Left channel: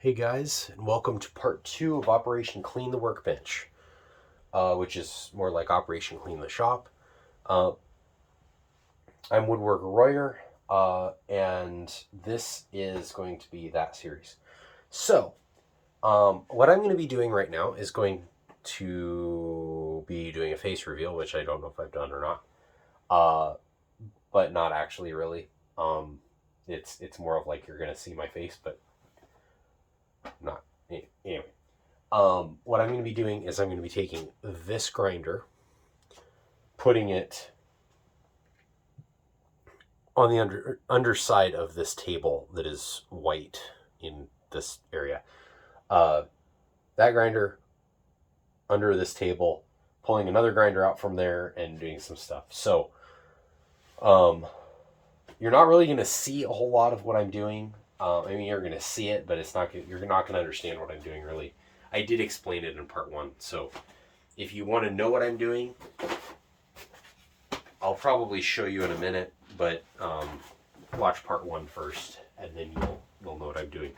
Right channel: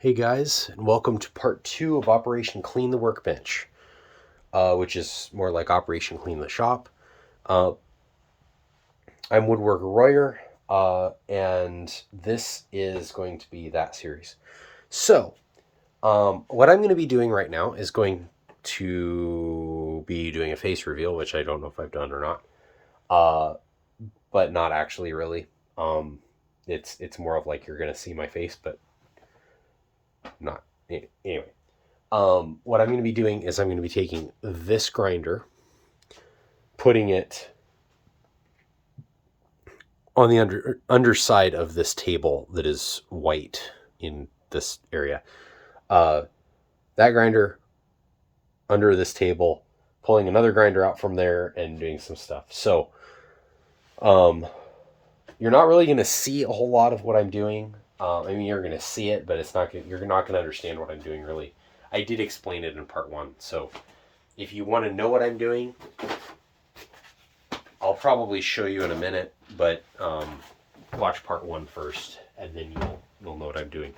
Hey guys, and welcome to part 2 of Operation Clean the Workbench, which is more like Operation Clean the Shop. Uh, I'm Woodworker Royer, and this is going to be that series. So, what I'm going to be doing right now is going to be doing a face reveal, which I don't know if I've done or not, but not actually really. It's more of like you're going to see my face, but not anyway. What I'm going to be doing is I'm going to be taking this grinder, putting it on the underside of this table that is white in this area. That grinder under this table, pulling another grinder out from there and doing some stuff. So, you're not really going to see a whole lot of what I'm doing. I mean, you're going to see it, but you're not going to understand what I'm doing really. I did explain it in part 1, so if you want to know what I'm doing, I'll probably show you in a minute, but watch part 1 first, and then you'll know what I'm doing.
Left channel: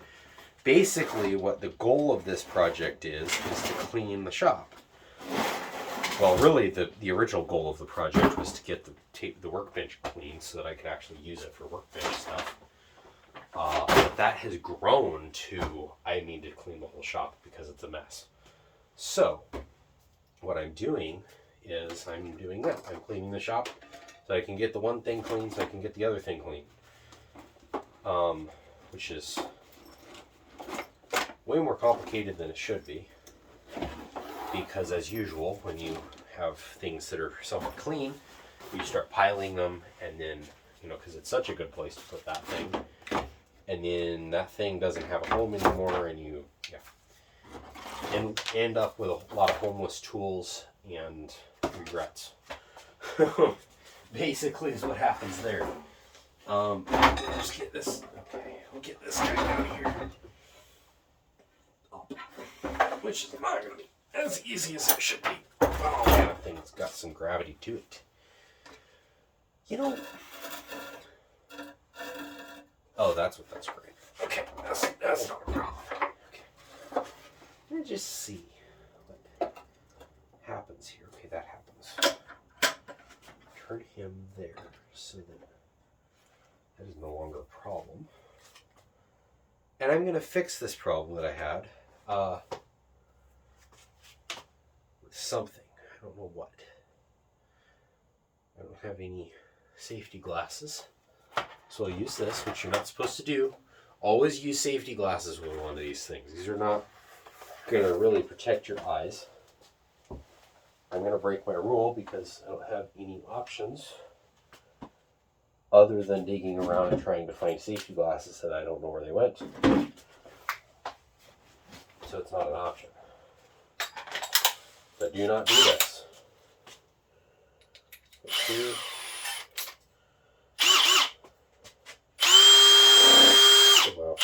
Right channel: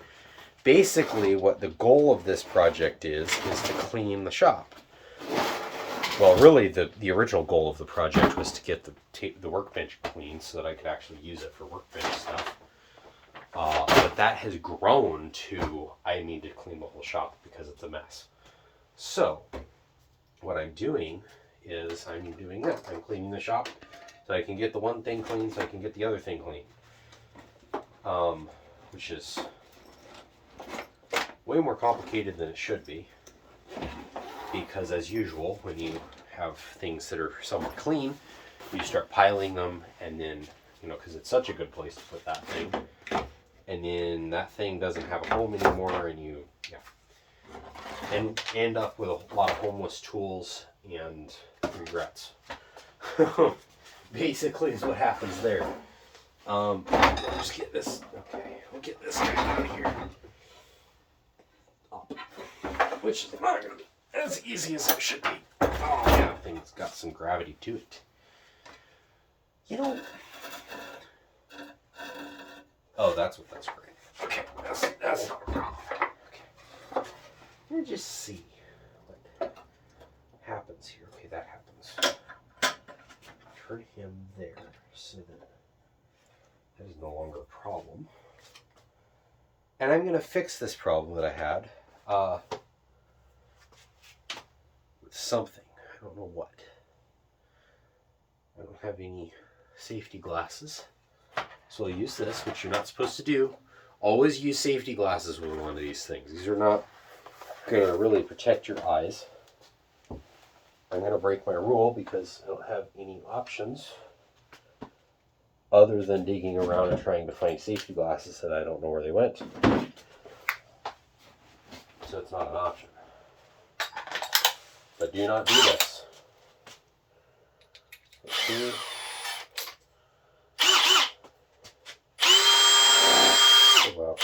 Basically, what the goal of this project is to clean the shop. Well, really, the original goal of the project was to get the workbench clean so that I could actually use it for workbench stuff. But that has grown to I need to clean the whole shop because it's a mess. So, what I'm doing is I'm doing that. I'm cleaning the shop so I can get the one thing clean so I can get the other thing clean. Which is way more complicated than it should be. Because as usual, when you have things that are somewhat clean, you start piling them and then, because it's such a good place to put that thing. And then that thing doesn't have a home anymore and you and end up with a lot of homeless tools and regrets. Basically is what happens there. Just get this. Okay, we'll get this guy out of here. Which is not going to be as easy as it should be. Oh man, that thing's got some gravity to it. Oh, that's what that's great. Okay, that's not a problem. Okay. Let me just see what happens here. Okay, that happens. Turn him there so that is no longer a problem. And I'm going to fix this problem that I had with something. I don't know what. I don't have any safety glasses. So I'll use this, which you're not supposed to do. Always use safety glasses with one of these things. These are not going to really protect your eyes. I'm going to break my rule because I don't have any options other than digging around and trying to find safety glasses that I don't know where they went. So it's not an option. But do not do this. Put here. Well,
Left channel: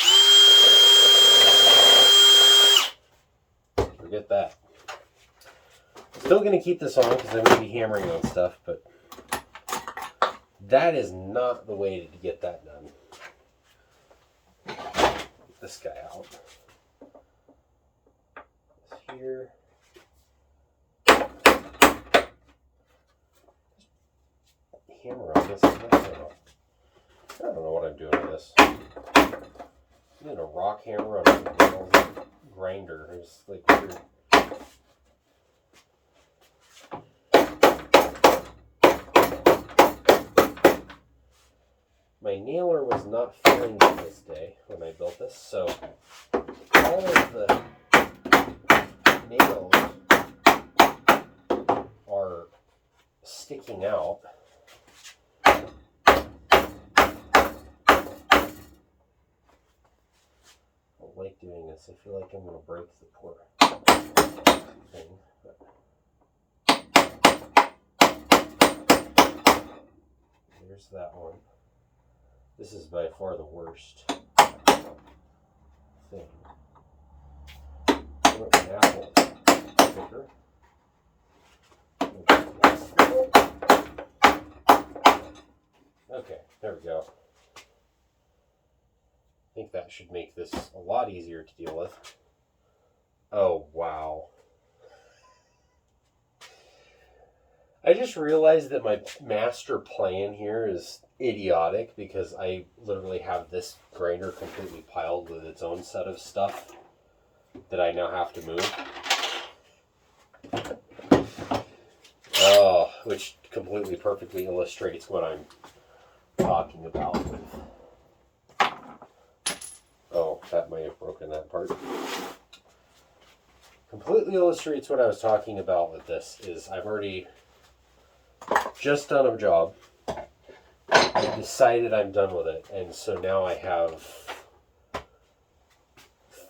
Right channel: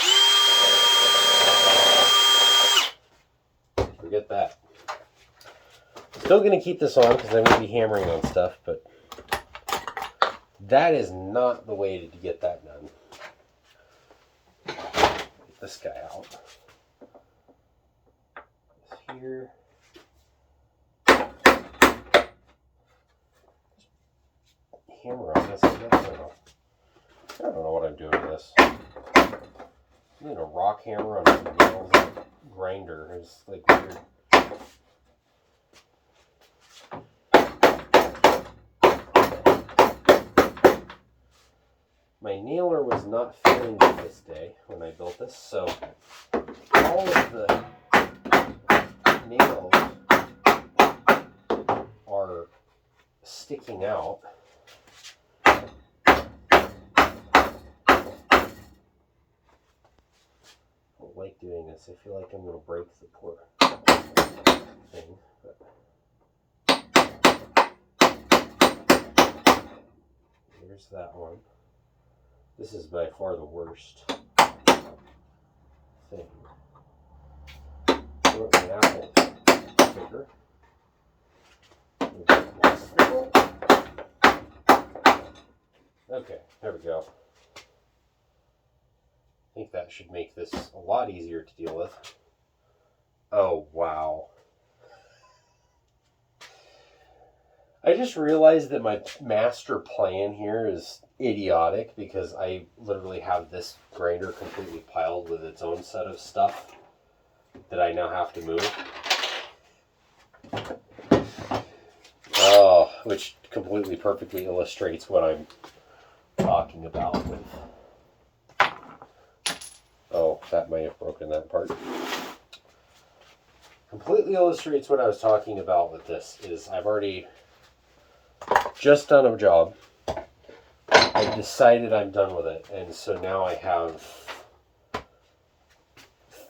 forget that. Still going to keep this on because I'm going to be hammering on stuff, but that is not the way to get that done. Get this guy out. This here. Hammer on this. I don't know what I'm doing with this. I'm using a rock hammer on a grinder. It's like weird. My nailer was not fitting me this day when I built this, so all of the nails are sticking out. I don't like doing this. I feel like I'm going to break the poor thing. But there's that one. This is by far the worst thing. I want my apple picker. Okay, there we go. I think that should make this a lot easier to deal with. Oh, wow. I just realized that my master plan here is idiotic because I literally have this grinder completely piled with its own set of stuff that I now have to move. Oh, which completely perfectly illustrates what I'm talking about. Oh, that might have broken that part. Completely illustrates what I was talking about with this is I've already just done a job. I decided I'm done with it, and so now I have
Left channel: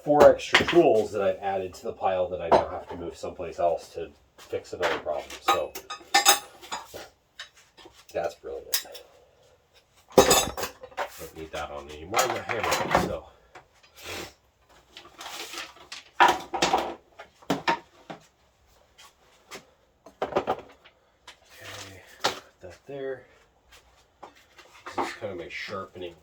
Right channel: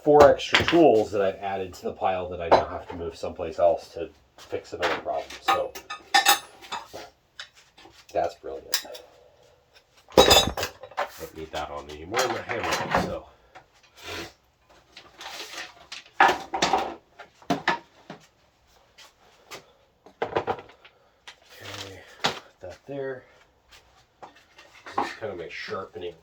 4 extra tools that I've added to the pile that I now have to move someplace else to fix another problem. So that's brilliant. Don't need that on anymore. I'm not hammering, so. Okay, put that there. This is kind of my sharpening.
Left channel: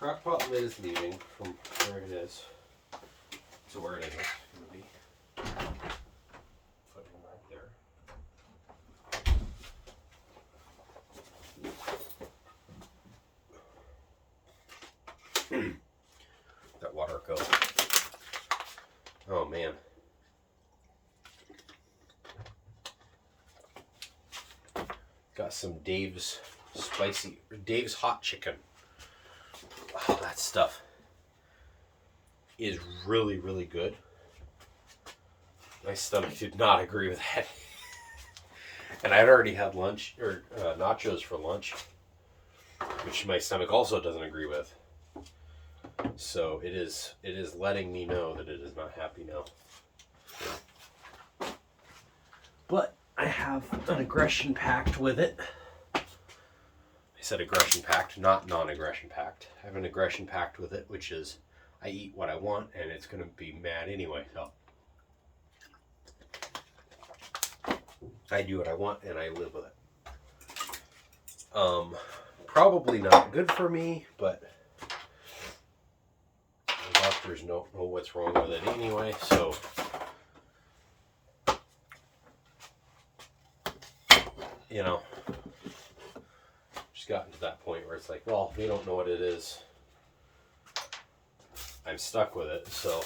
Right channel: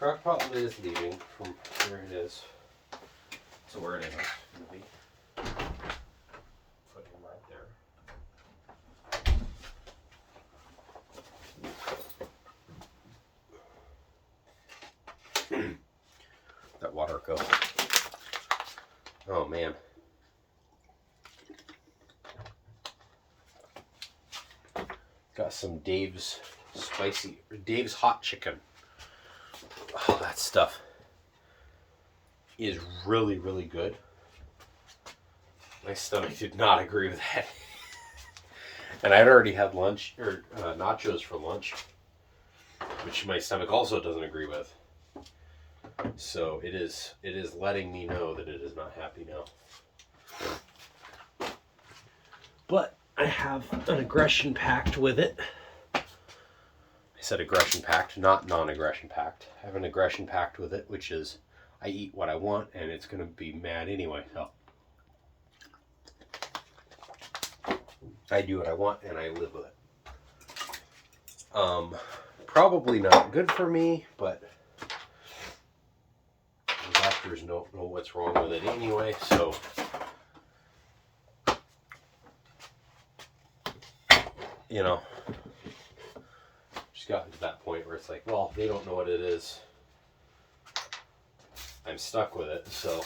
Crockpot lid is leaving from where it is to where it is going to be. Put him right there. That water go. Oh man. Got some Dave's hot chicken. Oh, that stuff is really, really good. My stomach did not agree with that. And I'd already had lunch, or nachos for lunch, which my stomach also doesn't agree with. So it is letting me know that it is not happy now. But I have an aggression pact with it. I said aggression pact, not non-aggression pact. I have an aggression pact with it, which is I eat what I want and it's going to be mad anyway. So I do what I want and I live with it. Probably not good for me, but the doctors don't know what's wrong with it anyway, so you know, just gotten to that point where it's like, well, they don't know what it is. I'm stuck with it, so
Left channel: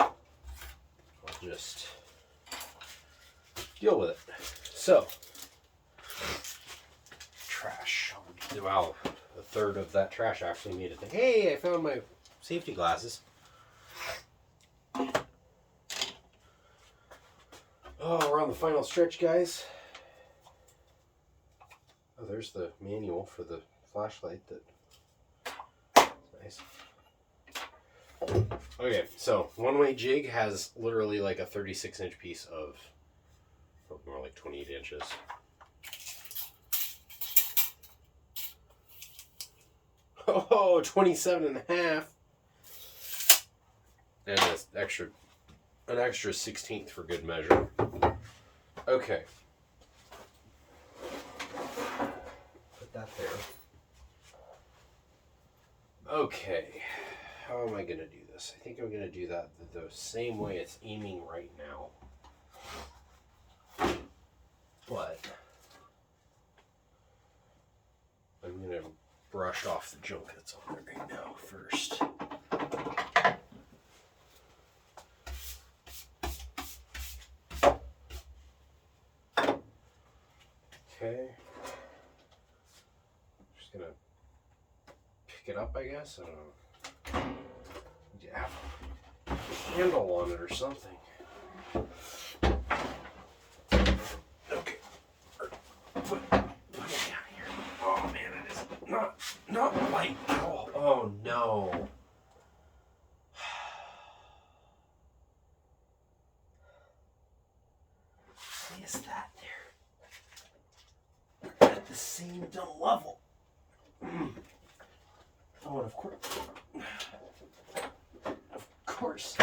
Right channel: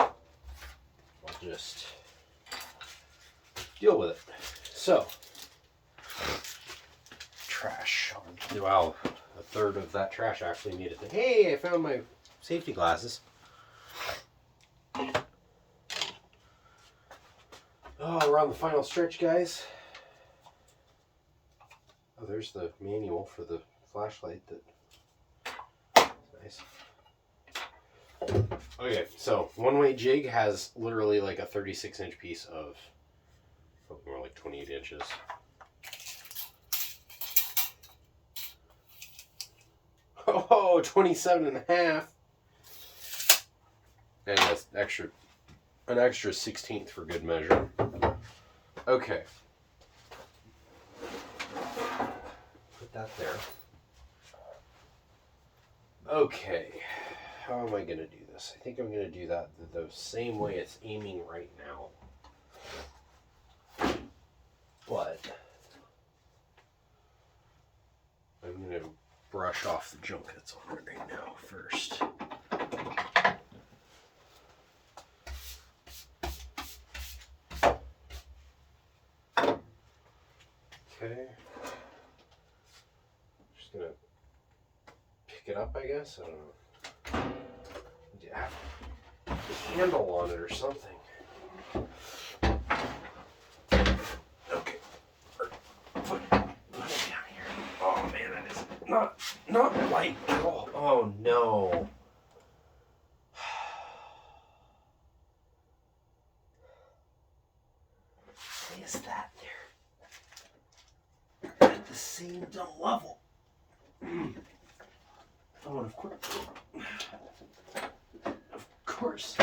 I'll just deal with it. So, trash. Wow, a third of that trash actually made it. Hey, I found my safety glasses. Oh, we're on the final stretch, guys. Oh, there's the manual for the flashlight. That's nice. Okay, so one-way jig has literally like a 36-inch piece of, more like 28 inches. Oh, 27 and a half. And that's an extra 16th for good measure. Okay. Put that there. Okay. How am I going to do this? I think I'm going to do that the same way it's aiming right now. But I'm going to brush off the junk that's on it right now first. Okay. Just gonna pick it up, I guess. I don't know. Yeah. A handle on it or something. Okay. Put it down here. Oh man, that is not light at all. Oh no. Why is that there? At the same dumb level. Oh, of course.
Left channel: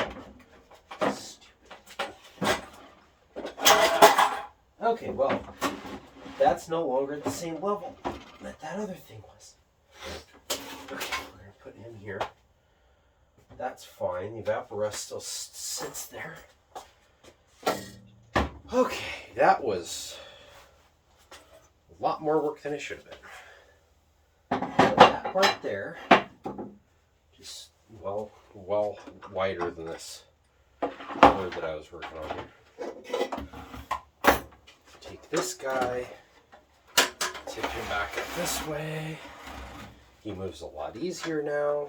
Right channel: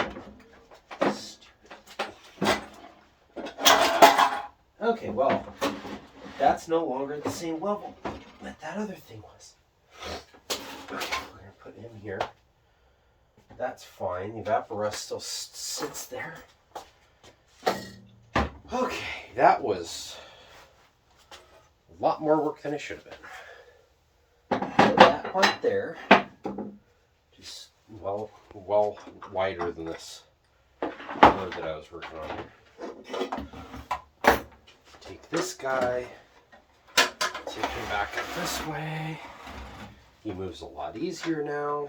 Okay, well, that's no longer at the same level that other thing was. here. That's fine. The evaporust still sits there. Okay, that was a lot more work than it should have been. That part there, just well wider than this board that I was working on here. Take this guy, take him back up this way. He moves a lot easier now.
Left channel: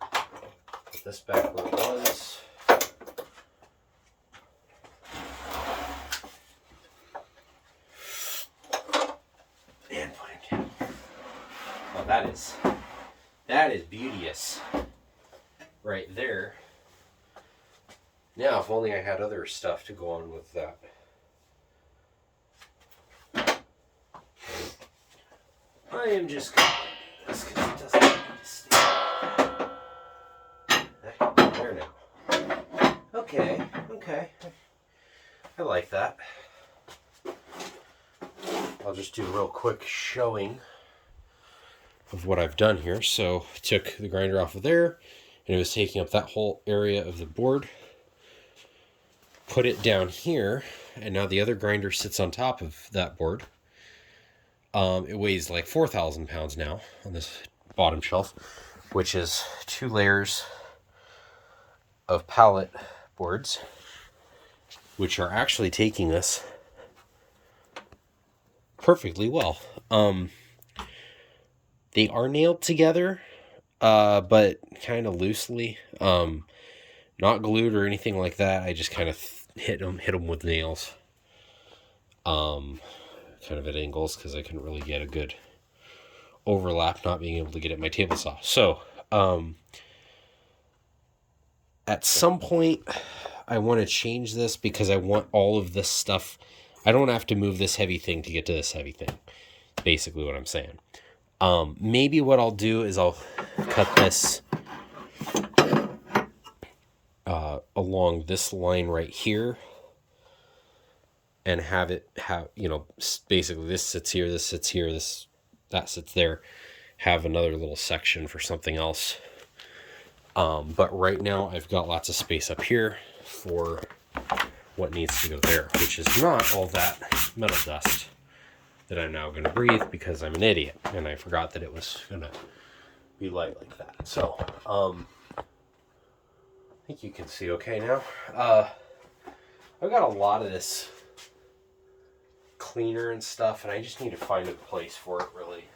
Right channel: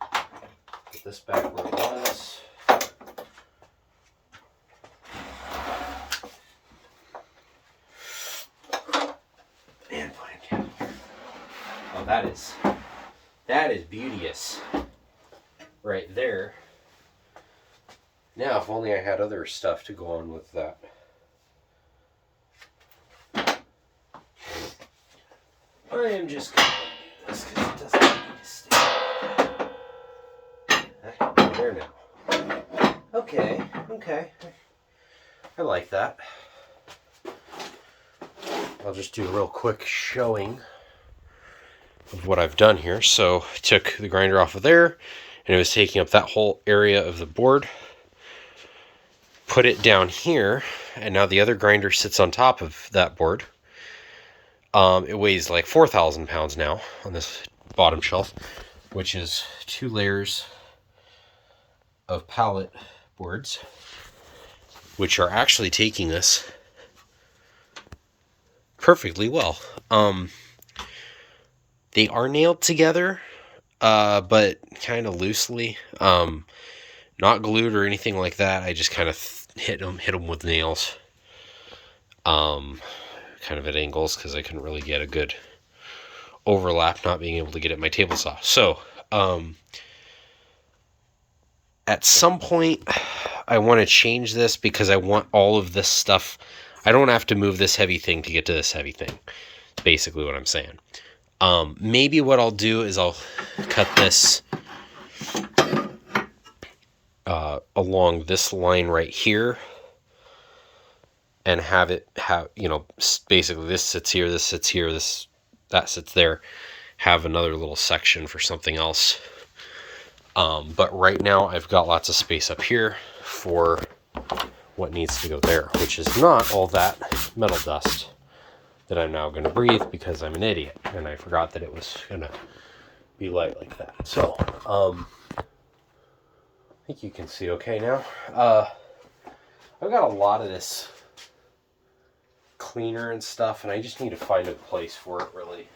Put this back where it was. And put it here. Oh, that is beauteous right there. Now, if only I had other stuff to go on with that. I am just going to this because it doesn't need to stay. That can be there now. Okay. I like that. I'll just do a real quick showing of what I've done here. So I took the grinder off of there, and it was taking up that whole area of the board. Put it down here, and now the other grinder sits on top of that board. It weighs like 4,000 pounds now on this bottom shelf, which is 2 layers of pallet boards, which are actually taking this perfectly well. They are nailed together, but kind of loosely, not glued or anything like that. I just kind of hit them with nails, kind of at angles, because I couldn't really get a good overlap, not being able to get at my table saw. So, at some point, I want to change this because I want all of this stuff. I don't have to move this heavy thing to get to this heavy thing. Basically what I'm saying. Maybe what I'll do is I'll cut this along this line right here, and have it basically this sits here, that sits there, have another little section for something else. But right now I've got lots of space up here for what needs to go there, which is not all that metal dust that I'm now going to breathe because I'm an idiot and I forgot that it was going to be light like that. So, I think you can see okay now. I've got a lot of this cleaner and stuff, and I just need to find a place for it, really.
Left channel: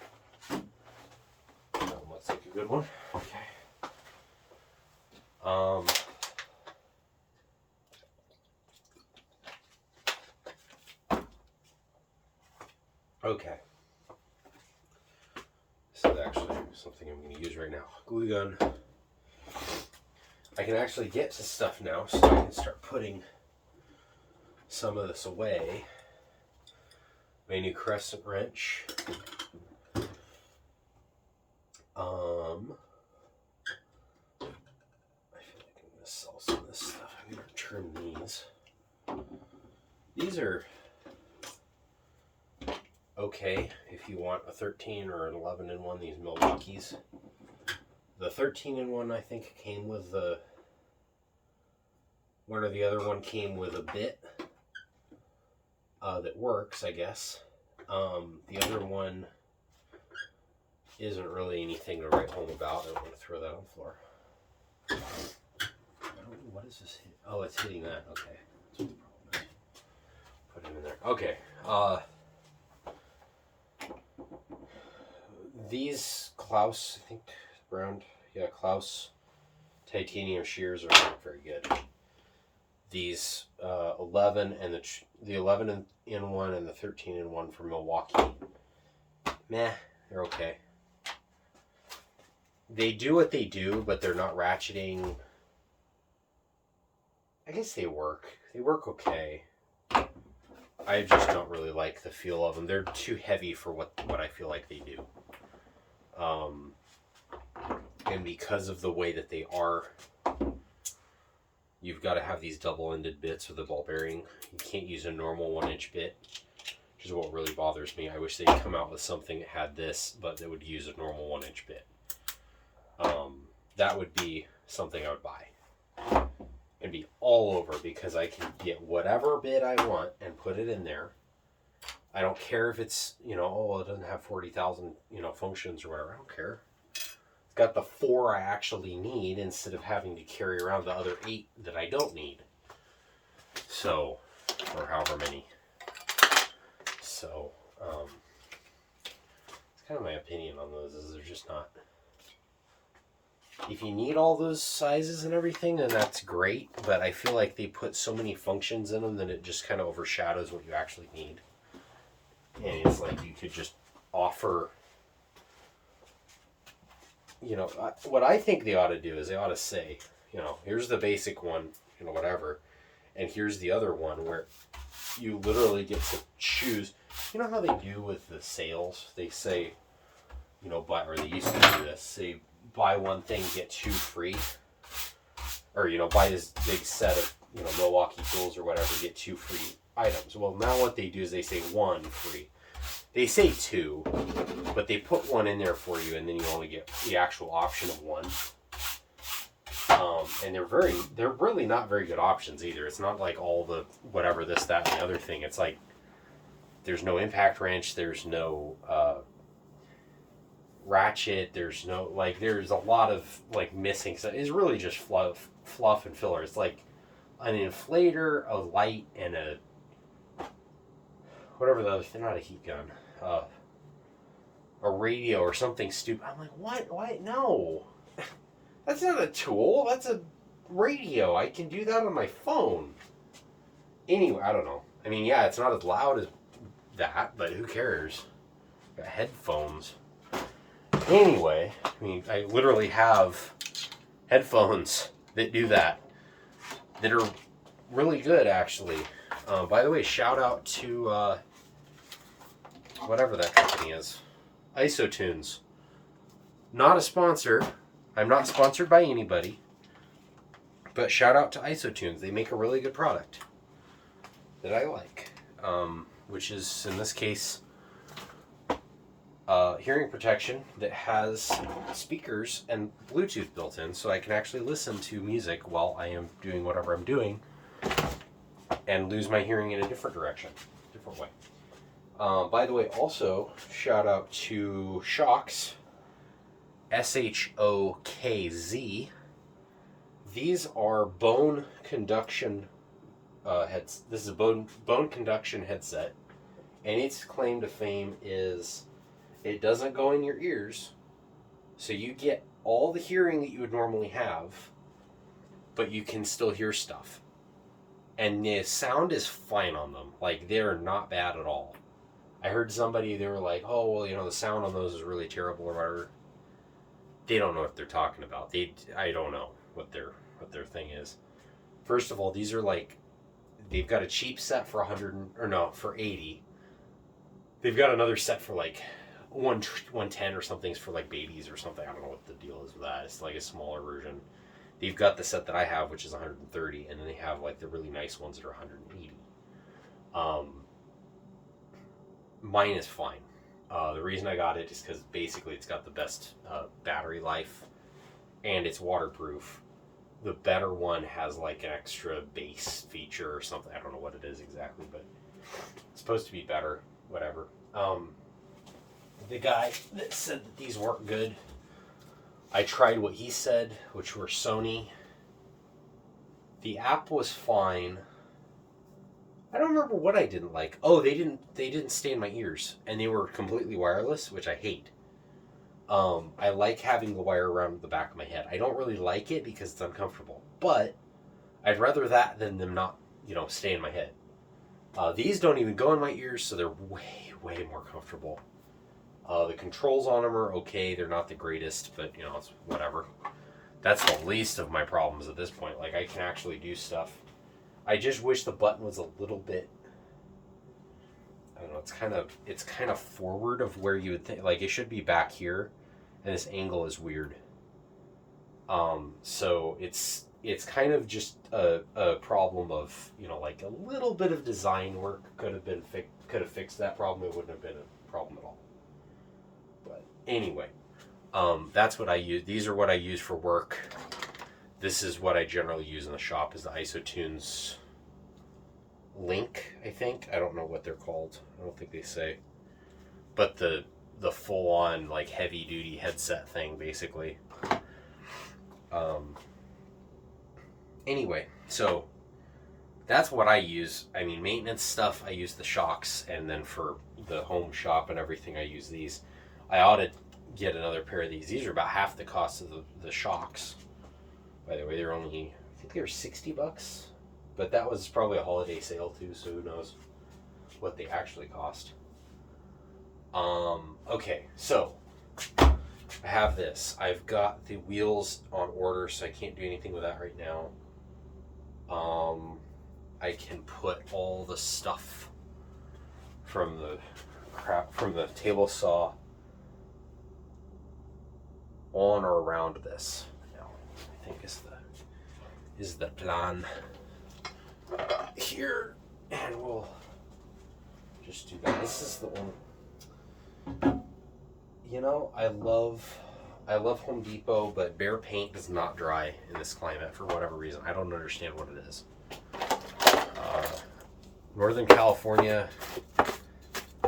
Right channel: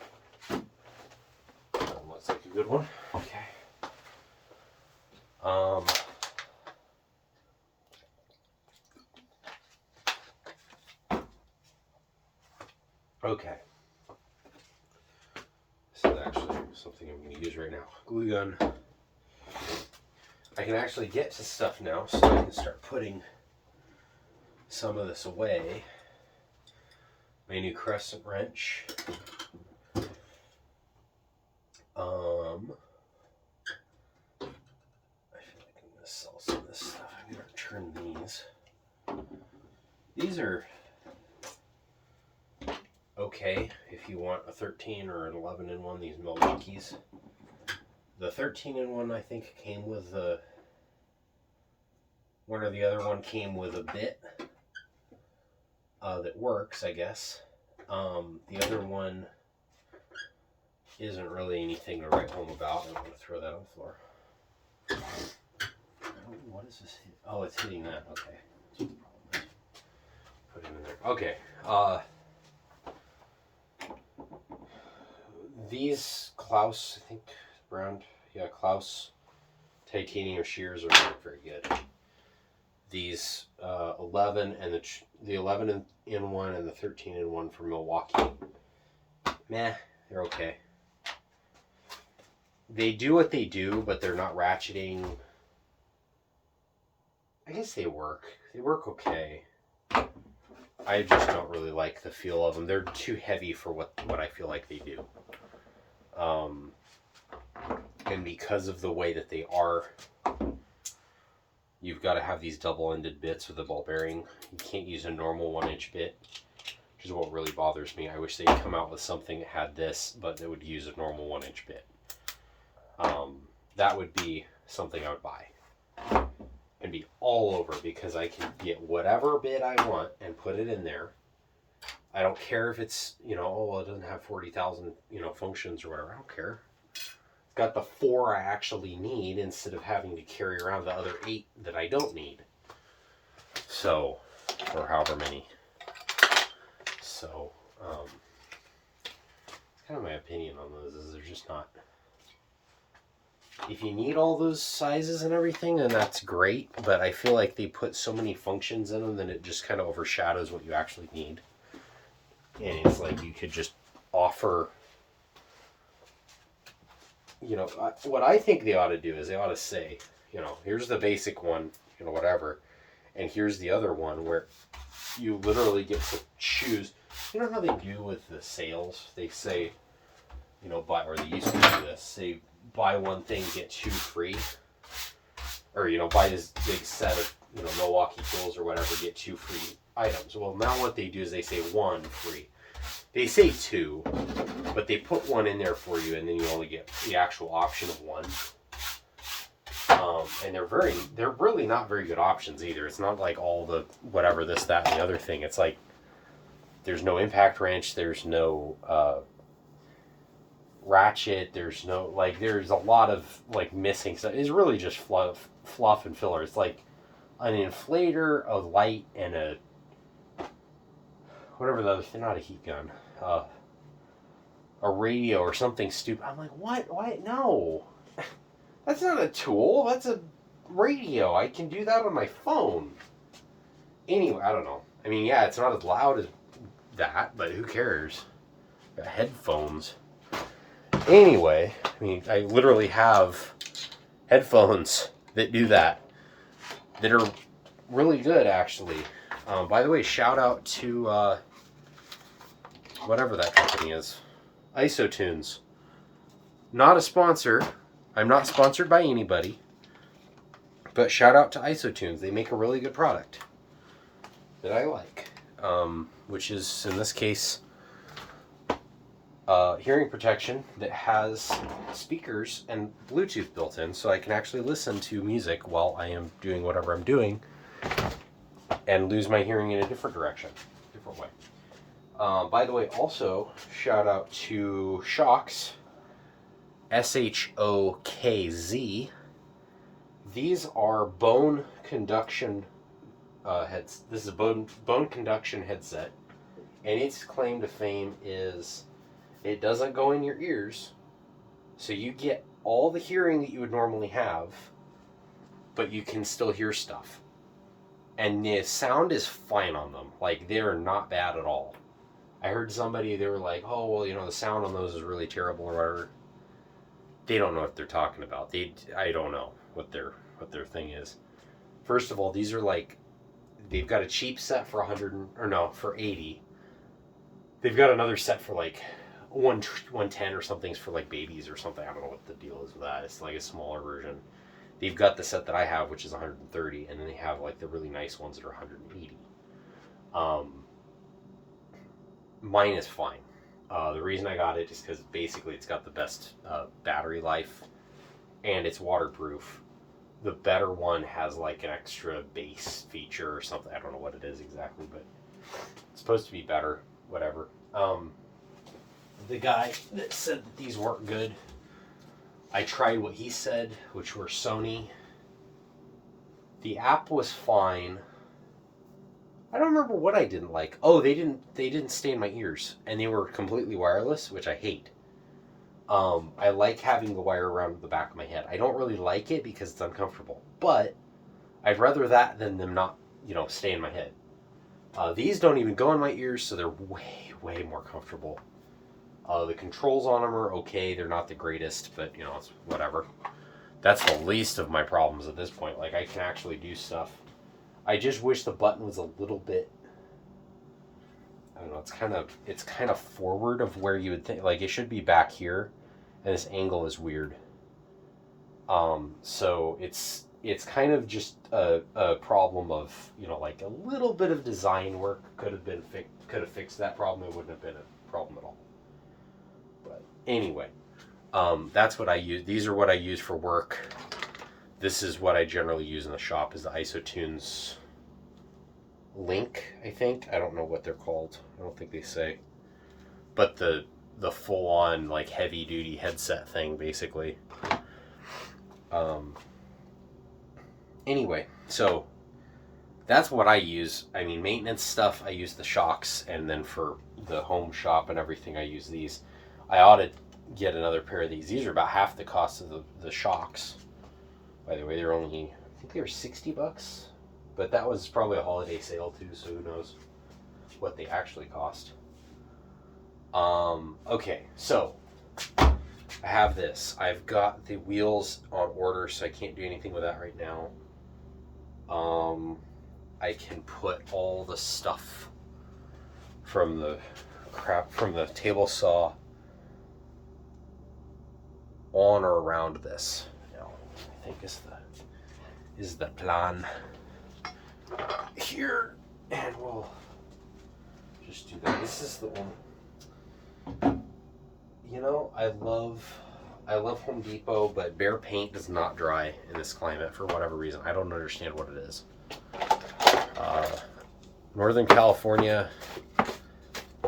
That looks like a good one. Okay. Okay. This is actually something I'm going to use right now. Glue gun. I can actually get to stuff now, so I can start putting some of this away. My new crescent wrench. I feel like I'm going to sell some of this stuff. I'm going to return these. These are okay if you want a 13 or an 11 in one, these Milwaukee's. The 13 in one I think came with the one, or the other one came with a bit that works, I guess. The other one isn't really anything to write home about. I don't want to throw that on the floor. What is this? Oh, it's hitting that. Okay. That's what the problem is. Put it in there. Okay. These Klaus, I think, brand, Klaus titanium shears are not very good. These 11 and the 11 in one and the 13 in one from Milwaukee, meh, they're okay. They do what they do, but they're not ratcheting. I guess they work. They work okay. I just don't really like the feel of them. They're too heavy for what I feel like they do. And because of the way that they are, you've got to have these double-ended bits with a ball bearing. You can't use a normal 1-inch bit, which is what really bothers me. I wish they'd come out with something that had this, but they would use a normal 1-inch bit. that would be something I would buy. It'd be all over because I can get whatever bit I want and put it in there. I don't care if it's, it doesn't have 40,000, functions or whatever. I don't care. It's got the 4 I actually need instead of having to carry around the other 8 that I don't need. So, or however many. So, it's kind of my opinion on those is they're just not. If you need all those sizes and everything, then that's great. But I feel like they put so many functions in them that it just kind of overshadows what you actually need. And it's like you could just offer, what I think they ought to do is they ought to say, here's the basic one, whatever. And here's the other one where you literally get to choose. You know how they do with the sales? They say, buy, or they used to do this, say, buy one thing, get 2 free. Or, buy this big set of, Milwaukee tools or whatever, get 2 free items. Well, now what they do is they say 1 free. They say 2, but they put 1 in there for you, and then you only get the actual option of 1. And they're really not very good options either. It's not like all the whatever, this, that, and the other thing. It's like there's no impact wrench, there's no ratchet, there's no, there's a lot of missing stuff. It's really just fluff and filler. It's like an inflator, a light, and a whatever the other thing, not a heat gun, a radio or something stupid. I'm like, what? Why? No. That's not a tool. That's a radio. I can do that on my phone. Anyway, I don't know. I mean, yeah, it's not as loud as that, but who cares? Got headphones. Anyway, I mean, I literally have headphones that do that are really good, actually. By the way, shout out to whatever that company is, Isotunes. Not a sponsor. I'm not sponsored by anybody, but shout out to Isotunes. They make a really good product that I like, which is, in this case, hearing protection that has speakers and Bluetooth built in, so I can actually listen to music while I am doing whatever I'm doing and lose my hearing in a different direction, different way. By the way, also, shout out to Shokz. SHOKZ. These are bone conduction heads. This is a bone conduction headset, and its claim to fame is it doesn't go in your ears, so you get all the hearing that you would normally have, but you can still hear stuff. And the sound is fine on them. They're not bad at all. I heard somebody, they were like, oh, well, the sound on those is really terrible or whatever. They don't know what they're talking about. I don't know what their thing is. First of all, these are they've got a cheap set for for 80. They've got another set for 110 or something's for babies or something. I don't know what the deal is with that. It's a smaller version. They've got the set that I have, which is 130, and then they have the really nice ones that are 180. Mine is fine. The reason I got it is because basically it's got the best battery life and it's waterproof. The better one has an extra bass feature or something. I don't know what it is exactly, but it's supposed to be better. Whatever. The guy that said that these weren't good, I tried what he said, which were Sony. The app was fine. I don't remember what I didn't like. Oh, they didn't stay in my ears, and they were completely wireless, which I hate. I like having the wire around the back of my head. I don't really like it because it's uncomfortable, but I'd rather that than them not, stay in my head. These don't even go in my ears, so they're way, way more comfortable. The controls on them are okay. They're not the greatest, but, it's whatever. That's the least of my problems at this point. I can actually do stuff. I just wish the button was a little bit, I don't know, it's kind of forward of where you would think, it should be back here, and this angle is weird. So it's kind of just a problem of, a little bit of design work could have fixed that problem. It wouldn't have been a problem at all. But anyway, That's what I use. These are what I use for work. This is what I generally use in the shop, is the IsoTunes Link, I think. I don't know what they're called. I don't think they say. But the full-on, like, heavy-duty headset thing, basically. Anyway, so that's what I use. I mean, maintenance stuff, I use the shocks, and then for the home shop and everything, I use these. I ought to get another pair of these. These are about half the cost of the shocks. By the way, they're only, I think they were $60, but that was probably a holiday sale too, so who knows what they actually cost. Okay, so I have this. I've got the wheels on order, so I can't do anything with that right now. I can put all the stuff from the table saw on or around this. Now, I think is the plan here, and we'll just do that. This is the only. You know, I love Home Depot, but Behr paint does not dry in this climate for whatever reason. I don't understand what it is. Northern California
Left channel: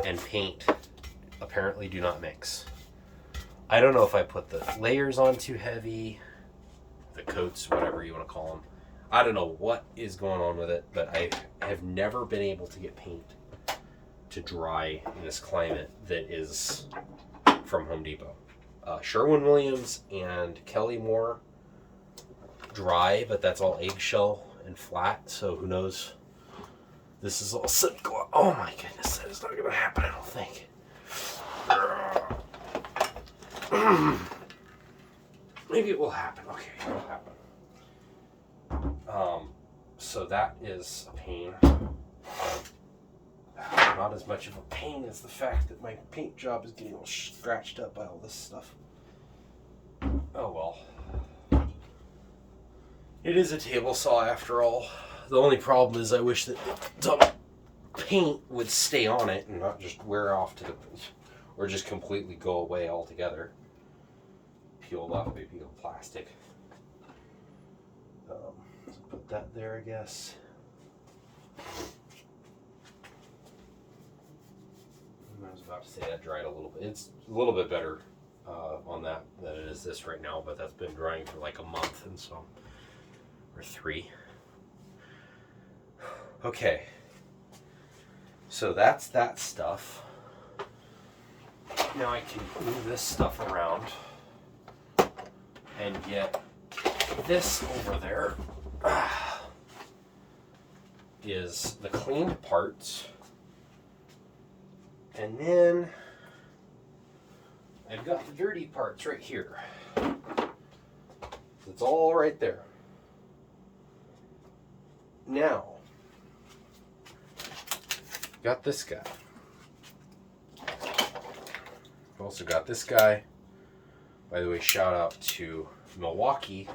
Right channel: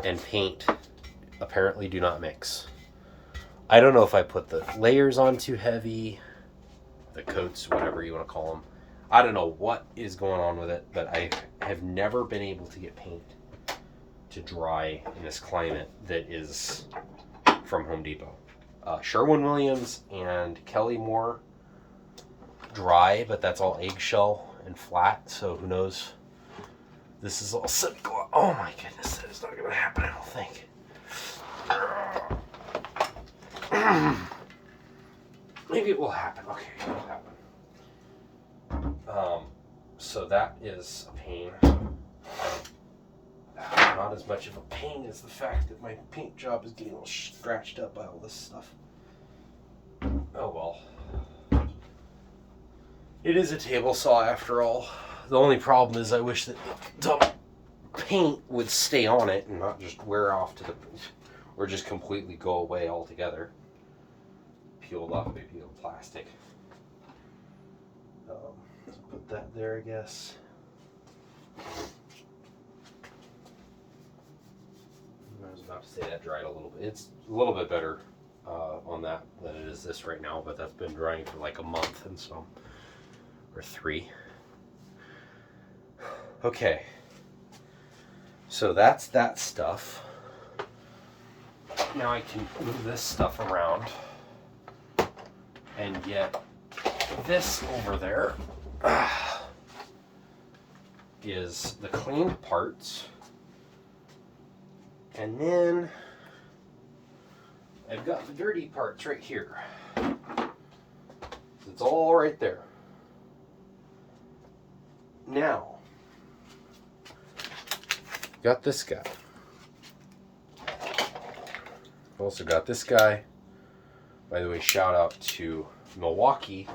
and paint apparently do not mix. I don't know if I put the layers on too heavy, the coats, whatever you want to call them. I don't know what is going on with it, but I have never been able to get paint to dry in this climate that is from Home Depot. Sherwin-Williams and Kelly Moore dry, but that's all eggshell and flat, so who knows. This is all semi-gloss. Oh my goodness, that is not going to happen, I don't think. Maybe it will happen. Okay, it will happen. So that is a pain. Not as much of a pain as the fact that my paint job is getting all scratched up by all this stuff. Oh well. It is a table saw after all. The only problem is I wish that the paint would stay on it and not just wear off to the, or just completely go away altogether. Peeled off, maybe peeled plastic. So put that there, I guess. I was about to say that dried a little bit. It's a little bit better on that than it is this right now, but that's been drying for like a month and so, or 3. Okay, so that's that stuff. Now I can move this stuff around and get this over there. Is the cleaned parts. And then I've got the dirty parts right here. It's all right there. Now, got this guy. I've also got this guy. By the way, shout out to Milwaukee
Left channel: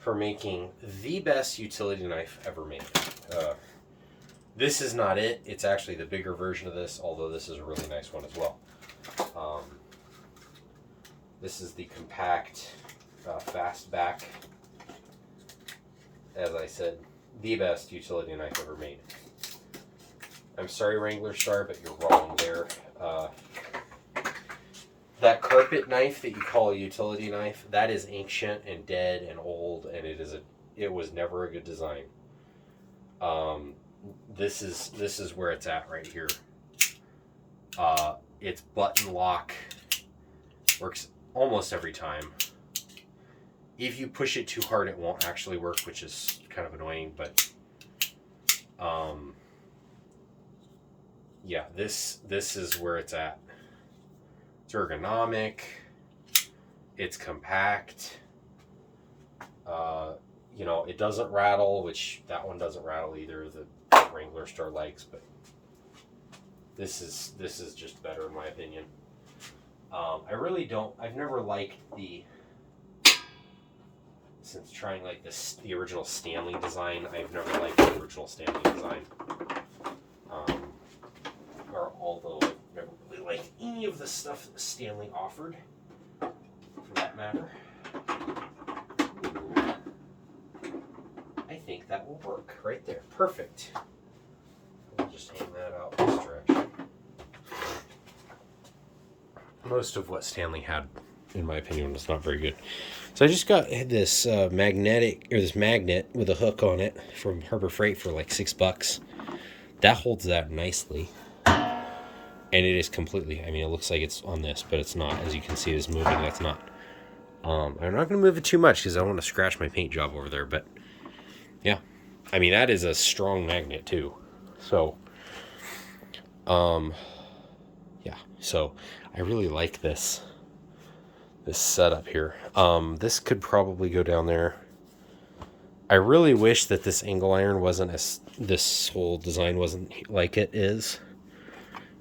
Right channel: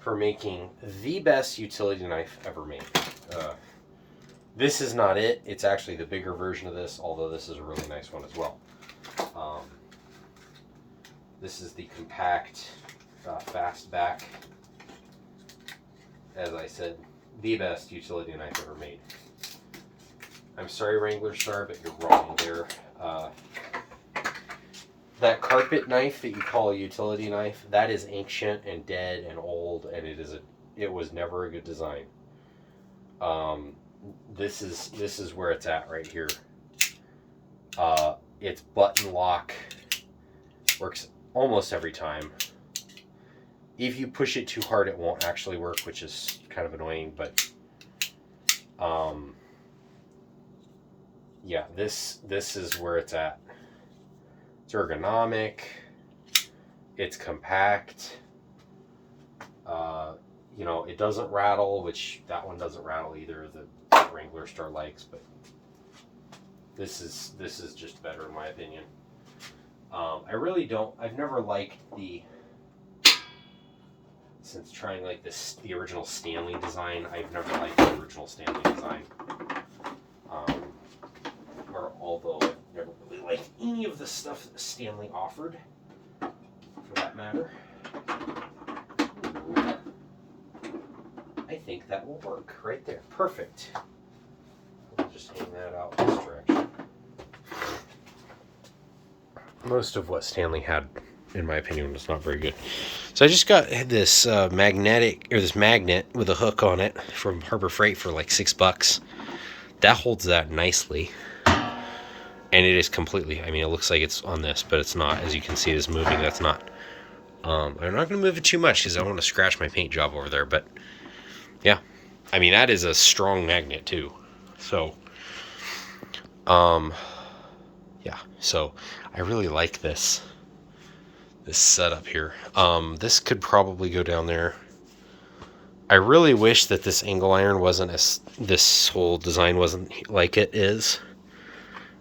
for making the best utility knife ever made. This is not it. It's actually the bigger version of this, although this is a really nice one as well. This is the compact fastback. As I said, the best utility knife ever made. I'm sorry, Wrangler Star, but you're wrong there. That carpet knife that you call a utility knife, that is ancient and dead and old, and it was never a good design. This is where it's at right here. It's button lock, works almost every time. If you push it too hard, it won't actually work, which is kind of annoying, but yeah, this is where it's at. It's ergonomic, it's compact, you know, it doesn't rattle, which that one doesn't rattle either, the Wrangler Star likes, but this is just better in my opinion. I've never liked since trying like the original Stanley design, I've never liked the original Stanley design. Or although I've never really liked any of the stuff that Stanley offered. that matter. I think that will work right there. Perfect. We'll just hang that out this direction. Most of what Stanley had, in my opinion, was not very good. So I just got this this magnet with a hook on it from Harbor Freight for like $6. That holds that nicely. And it is completely, I mean, it looks like it's on this, but it's not. As you can see, it is moving. That's not. I'm not going to move it too much because I don't want to scratch my paint job over there. But yeah, I mean, that is a strong magnet too. So, yeah, so I really like this setup here. This could probably go down there. I really wish that this angle iron wasn't this whole design wasn't like it is.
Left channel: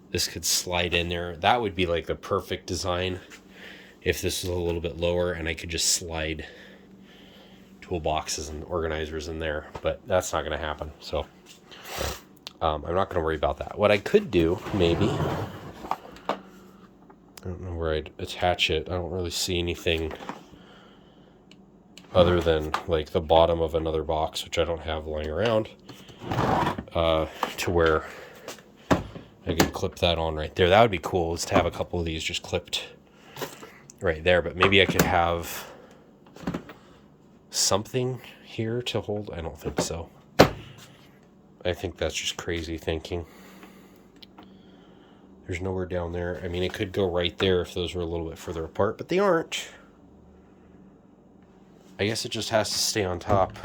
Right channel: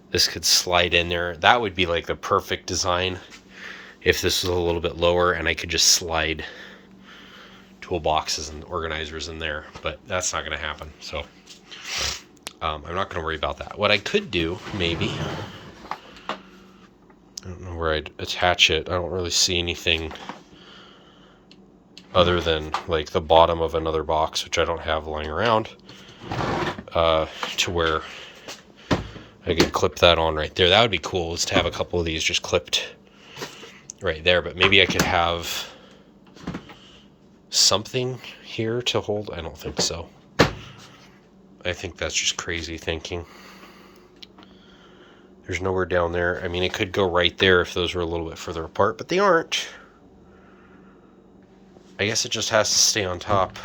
This could slide in there. That would be like the perfect design if this was a little bit lower and I could just slide toolboxes and organizers in there, but that's not going to happen. So I'm not going to worry about that. What I could do, maybe, I don't know where I'd attach it. I don't really see anything other than like the bottom of another box, which I don't have lying around, to where I could clip that on right there. That would be cool, is to have a couple of these just clipped right there. But maybe I could have something here to hold. I don't think so. I think that's just crazy thinking. There's nowhere down there. I mean, it could go right there if those were a little bit further apart, but they aren't. I guess it just has to stay on top.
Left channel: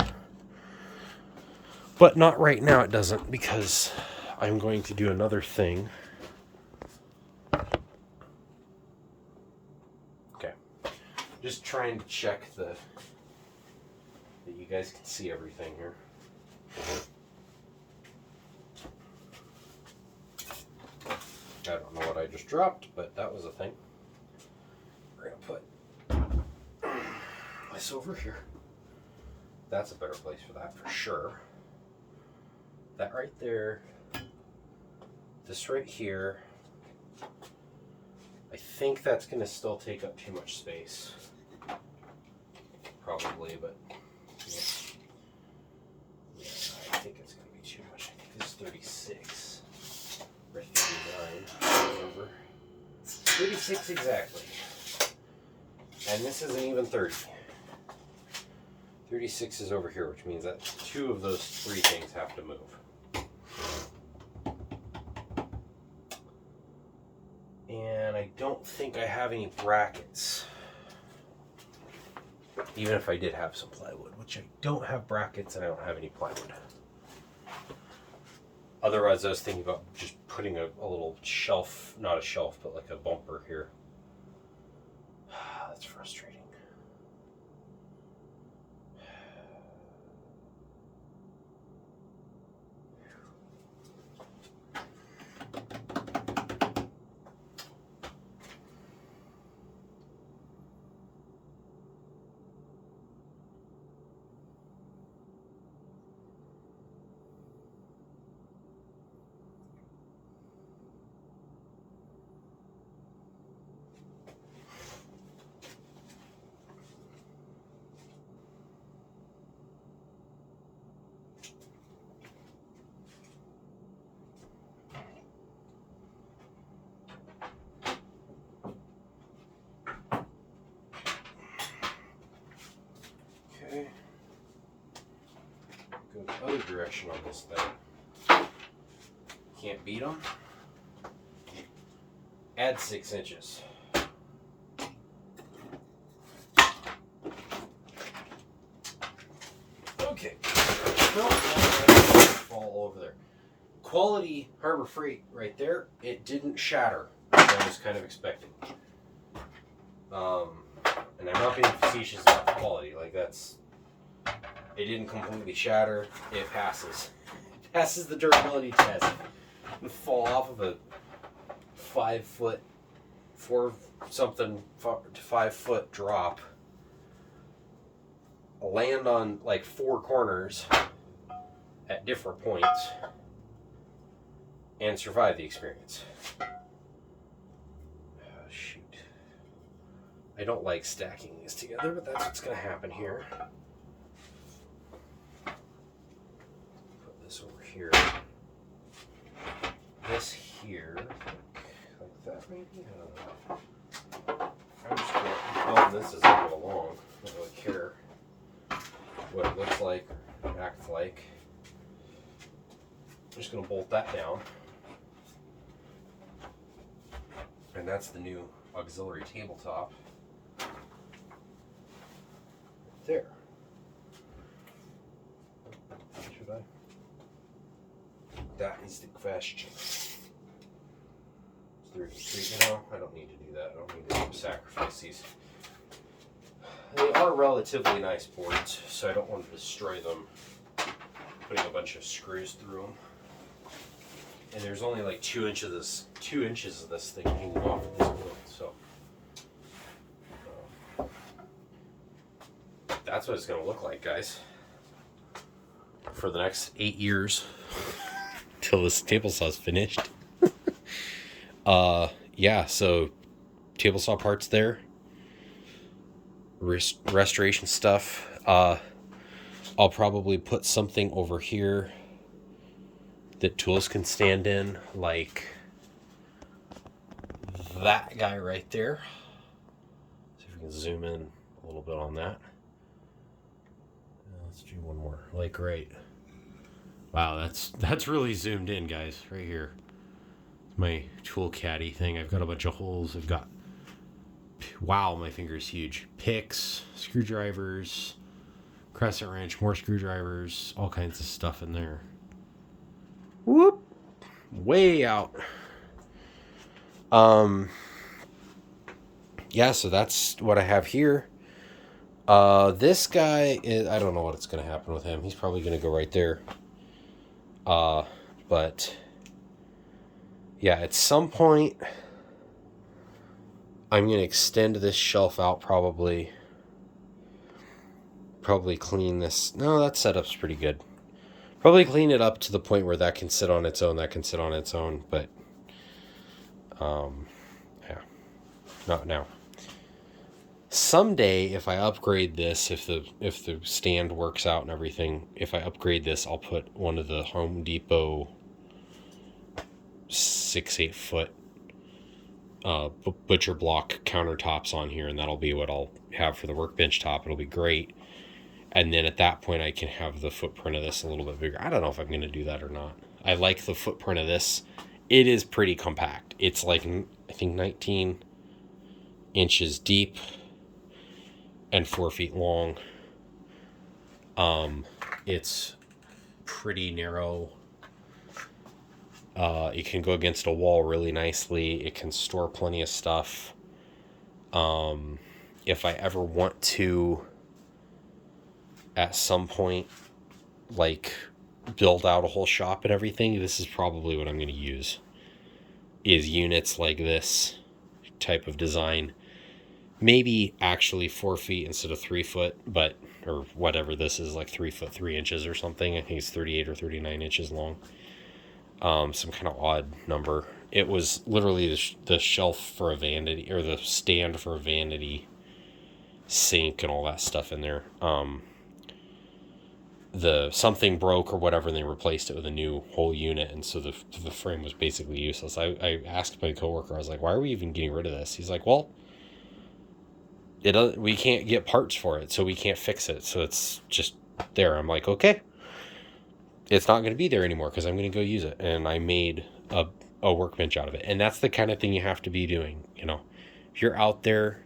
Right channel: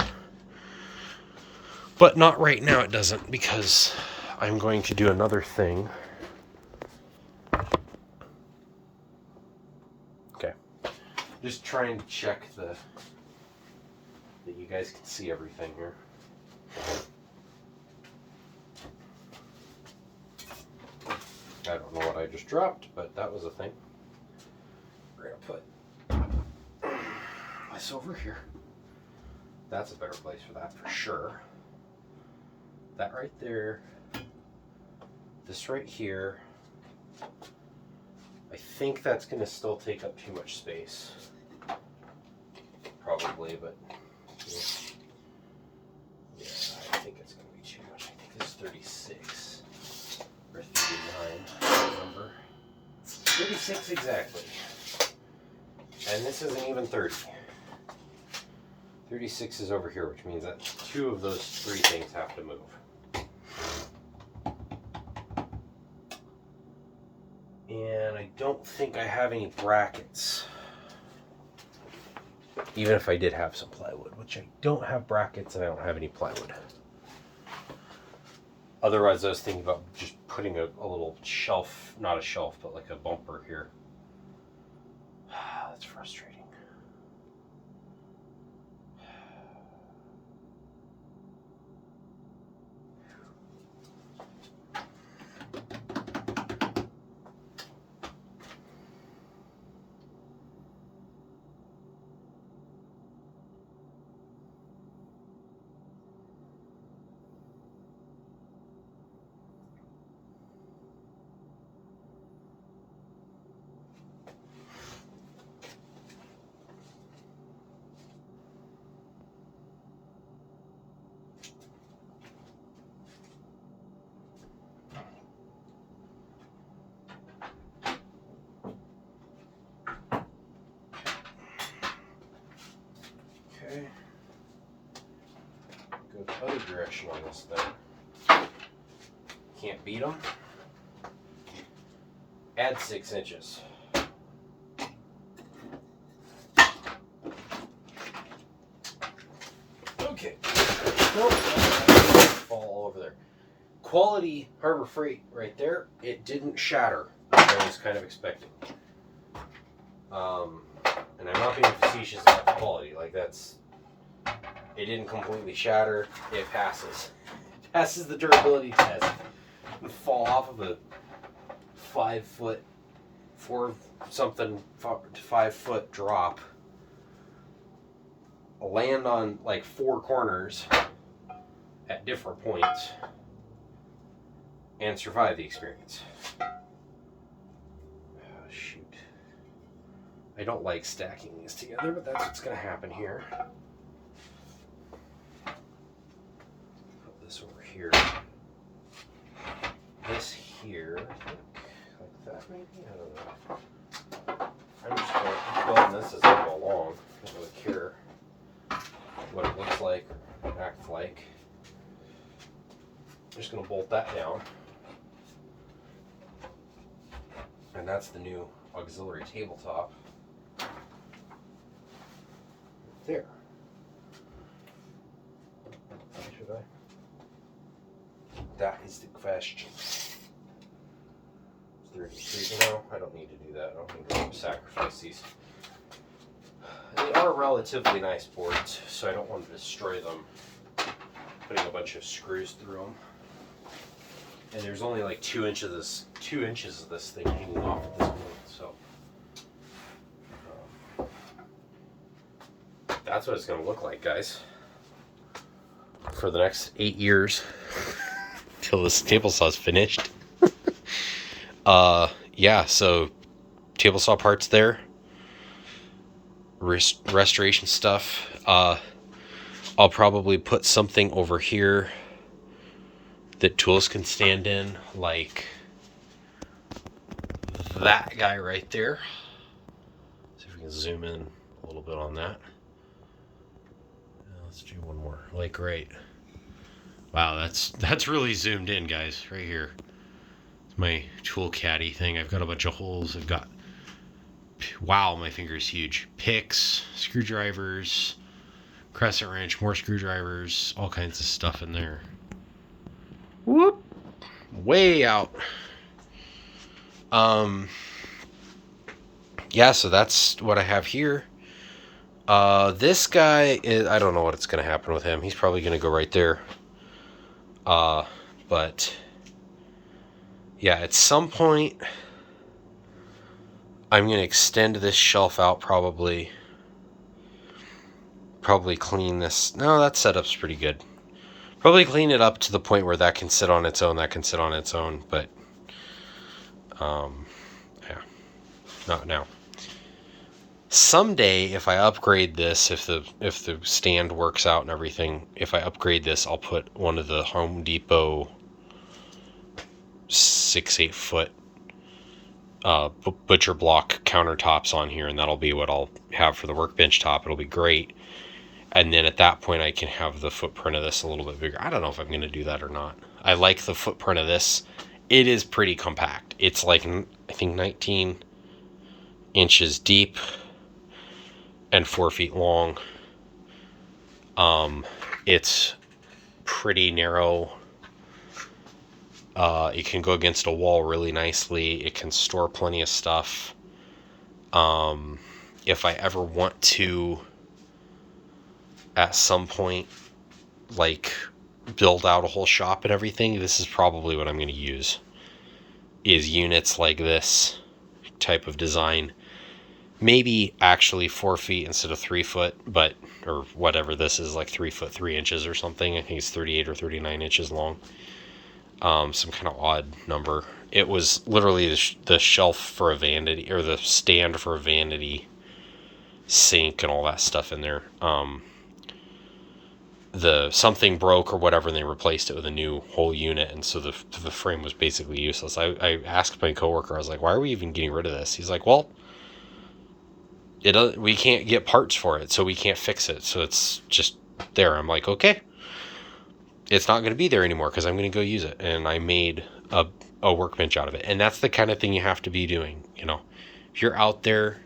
But not right now, it doesn't, because I'm going to do another thing. Okay. Just trying to check that you guys can see everything here. I don't know what I just dropped, but that was a thing. We're going to put this over here. That's a better place for that, for sure. That right there. This right here. I think that's going to still take up too much space. Probably, but yeah, I think it's going to be too much. I think this is 36 or 39. I don't remember. 36 exactly. And this isn't even 30. 36 is over here, which means that two of those three things have to move. And I don't think I have any brackets. Even if I did have some plywood, which I don't have brackets and I don't have any plywood. Otherwise, I was thinking about just putting a little shelf, not a shelf, but like a bumper here. That's frustrating. Okay. Go the other direction on this thing. Can't beat them. Add 6 inches. Okay. Fall all over there. Quality Harbor Freight right there. It didn't shatter. I was kind of expecting. And I'm not being facetious about the quality. Like, that's... It didn't completely shatter. It passes. It passes the durability test. You fall off of a 5 foot, 5 foot drop. Land on like 4 corners at different points and survive the experience. Oh, shoot. I don't like stacking these together, but that's what's going to happen here. Put this over here. This here, like that maybe? I don't know. I'm just going to build this as I go along. I don't really care what it looks like or acts like. I'm just going to bolt that down. And that's the new auxiliary tabletop. There. Should I? That is the question. No, I don't need to do that. I don't need to sacrifice these. They are relatively nice boards, so I don't want to destroy them putting a bunch of screws through them. And there's only like 2 inches of this thing hanging off at this point, so that's what it's going to look like, guys, for the next 8 years till this table saw is finished. Yeah, so table saw parts there, restoration stuff. I'll probably put something over here that tools can stand in, like that guy right there. See if we can zoom in a little bit on that. Let's do one more, like right. Wow, that's really zoomed in, guys, right here. It's my tool caddy thing. I've got a bunch of holes. I've got, wow, my finger's huge. Picks, screwdrivers, crescent wrench, more screwdrivers, all kinds of stuff in there. Whoop, way out. Yeah, so that's what I have here. This guy is, I don't know what's going to happen with him. He's probably going to go right there. But yeah, at some point I'm going to extend this shelf out, probably clean this. No, that setup's pretty good. Probably clean it up to the point where that can sit on its own, but yeah, not now. Someday, if I upgrade this, if the stand works out and everything, if I upgrade this, I'll put one of the Home Depot 6-8 foot butcher block countertops on here, and that'll be what I'll have for the workbench top. It'll be great. And then at that point, I can have the footprint of this a little bit bigger. I don't know if I'm going to do that or not. I like the footprint of this. It is pretty compact. It's like, I think, 19 inches deep and 4 feet long. It's pretty narrow. It can go against a wall really nicely. It can store plenty of stuff. If I ever want to, at some point, like, build out a whole shop and everything, this is probably what I'm going to use, is units like this type of design. Maybe actually 4 feet instead of 3 foot, but, or whatever this is, like 3 foot 3 inches or something. I think it's 38 or 39 inches long. Some kind of odd number. It was literally the shelf for a vanity, or the stand for a vanity sink and all that stuff in there. The something broke or whatever, and they replaced it with a new whole unit, and so the frame was basically useless. I asked my coworker, I was like, why are we even getting rid of this? He's like, well, we can't get parts for it, so we can't fix it, so it's just there. I'm like, okay, it's not going to be there anymore because I'm going to go use it. And I made a workbench out of it. And that's the kind of thing you have to be doing, you know. If you're out there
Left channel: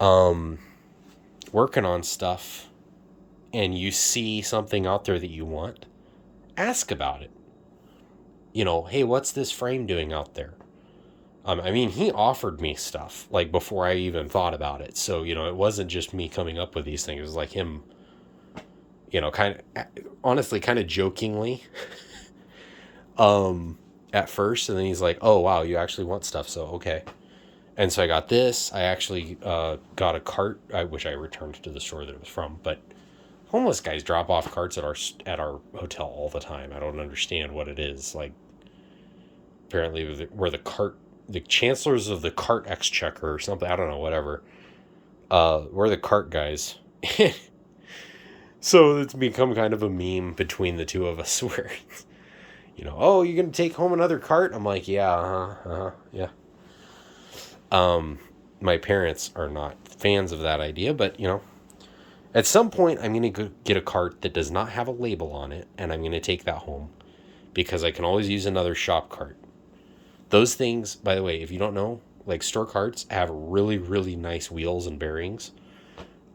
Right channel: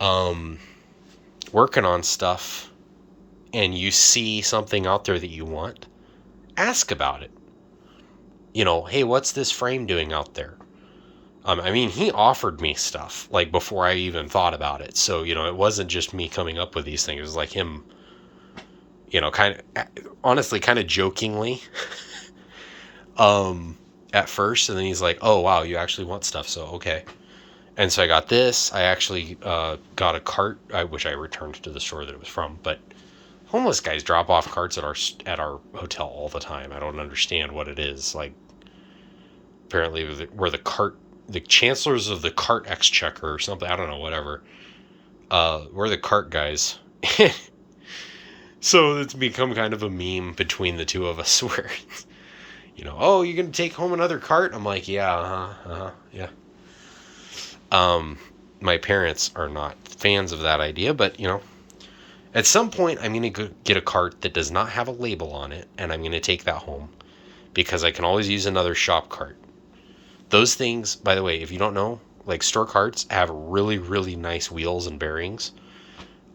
working on stuff and you see something out there that you want, ask about it. You know, hey, what's this frame doing out there? I mean, he offered me stuff, like, before I even thought about it. So, you know, it wasn't just me coming up with these things. It was like him, you know, honestly, kind of jokingly, at first. And then he's like, oh, wow, you actually want stuff. So, okay. And so I got this. I actually got a cart, which I returned to the store that it was from. But homeless guys drop off carts at our hotel all the time. I don't understand what it is. Like, apparently where the cart the chancellors of the cart exchequer or something. I don't know, whatever. We're the cart guys. So it's become kind of a meme between the two of us where, oh, you're going to take home another cart? I'm like, yeah, yeah. My parents are not fans of that idea, but, at some point I'm going to get a cart that does not have a label on it, and I'm going to take that home because I can always use another shop cart. Those things, by the way, if you don't know, like store carts have really, really nice wheels and bearings.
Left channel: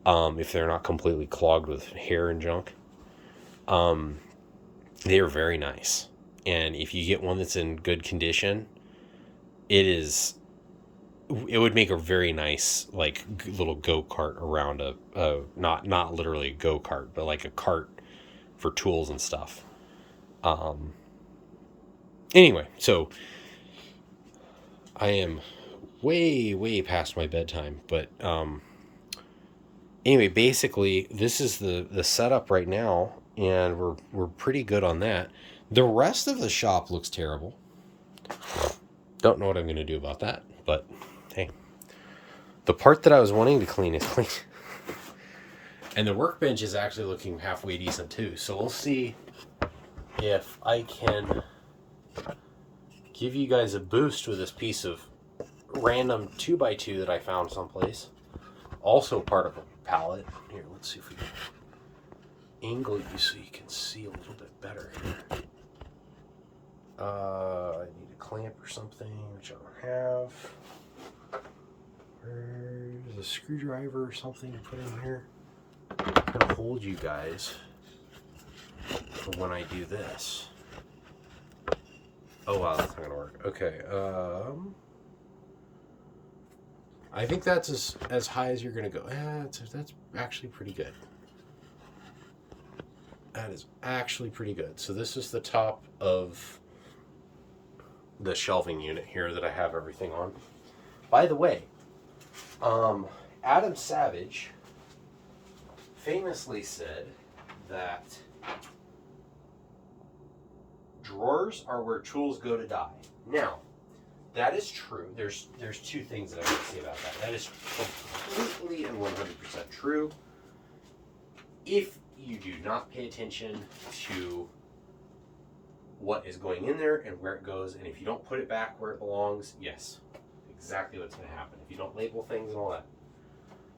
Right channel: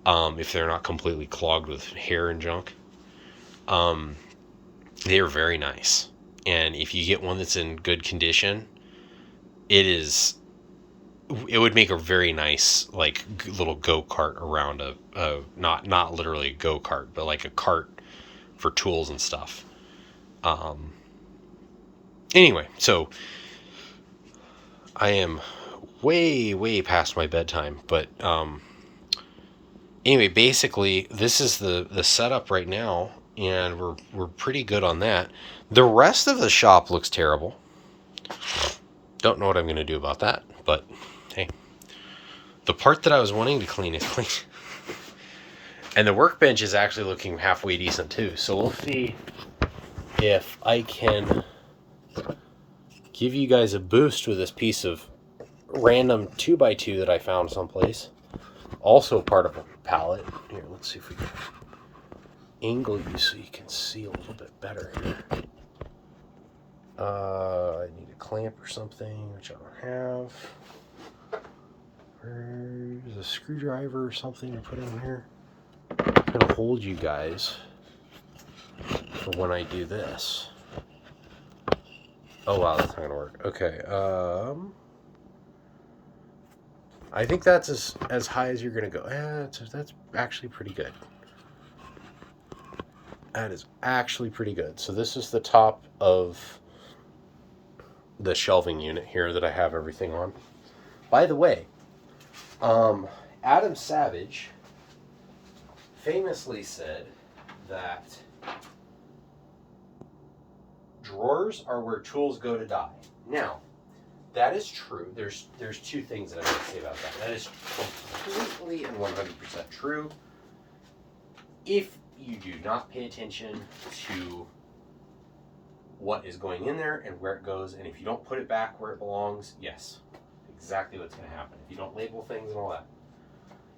If they're not completely clogged with hair and junk. They are very nice. And if you get one that's in good condition, it would make a very nice, like, little go-kart around not literally a go-kart, but like a cart for tools and stuff. Anyway, so I am way, way past my bedtime, but, anyway, basically, this is the setup right now, and we're pretty good on that. The rest of the shop looks terrible. Don't know what I'm going to do about that, but hey. The part that I was wanting to clean is clean. And the workbench is actually looking halfway decent too. So we'll see if I can give you guys a boost with this piece of random 2x2 that I found someplace. Also part of a pallet. Here, let's see if we can angle you so you can see a little bit better here. I need a clamp or something, which I don't have. There's a screwdriver or something to put in here. I'm going to hold you guys for when I do this. Oh wow, that's not going to work. Okay, I think that's as high as you're going to go. That's actually pretty good. That is actually pretty good. So this is the top of the shelving unit here that I have everything on. By the way, Adam Savage famously said that drawers are where tools go to die. Now, that is true. There's two things that I'm going to say about that. That is completely and 100% true. If you do not pay attention to what is going in there and where it goes, and if you don't put it back where it belongs, yes, exactly what's going to happen. If you don't label things and all that.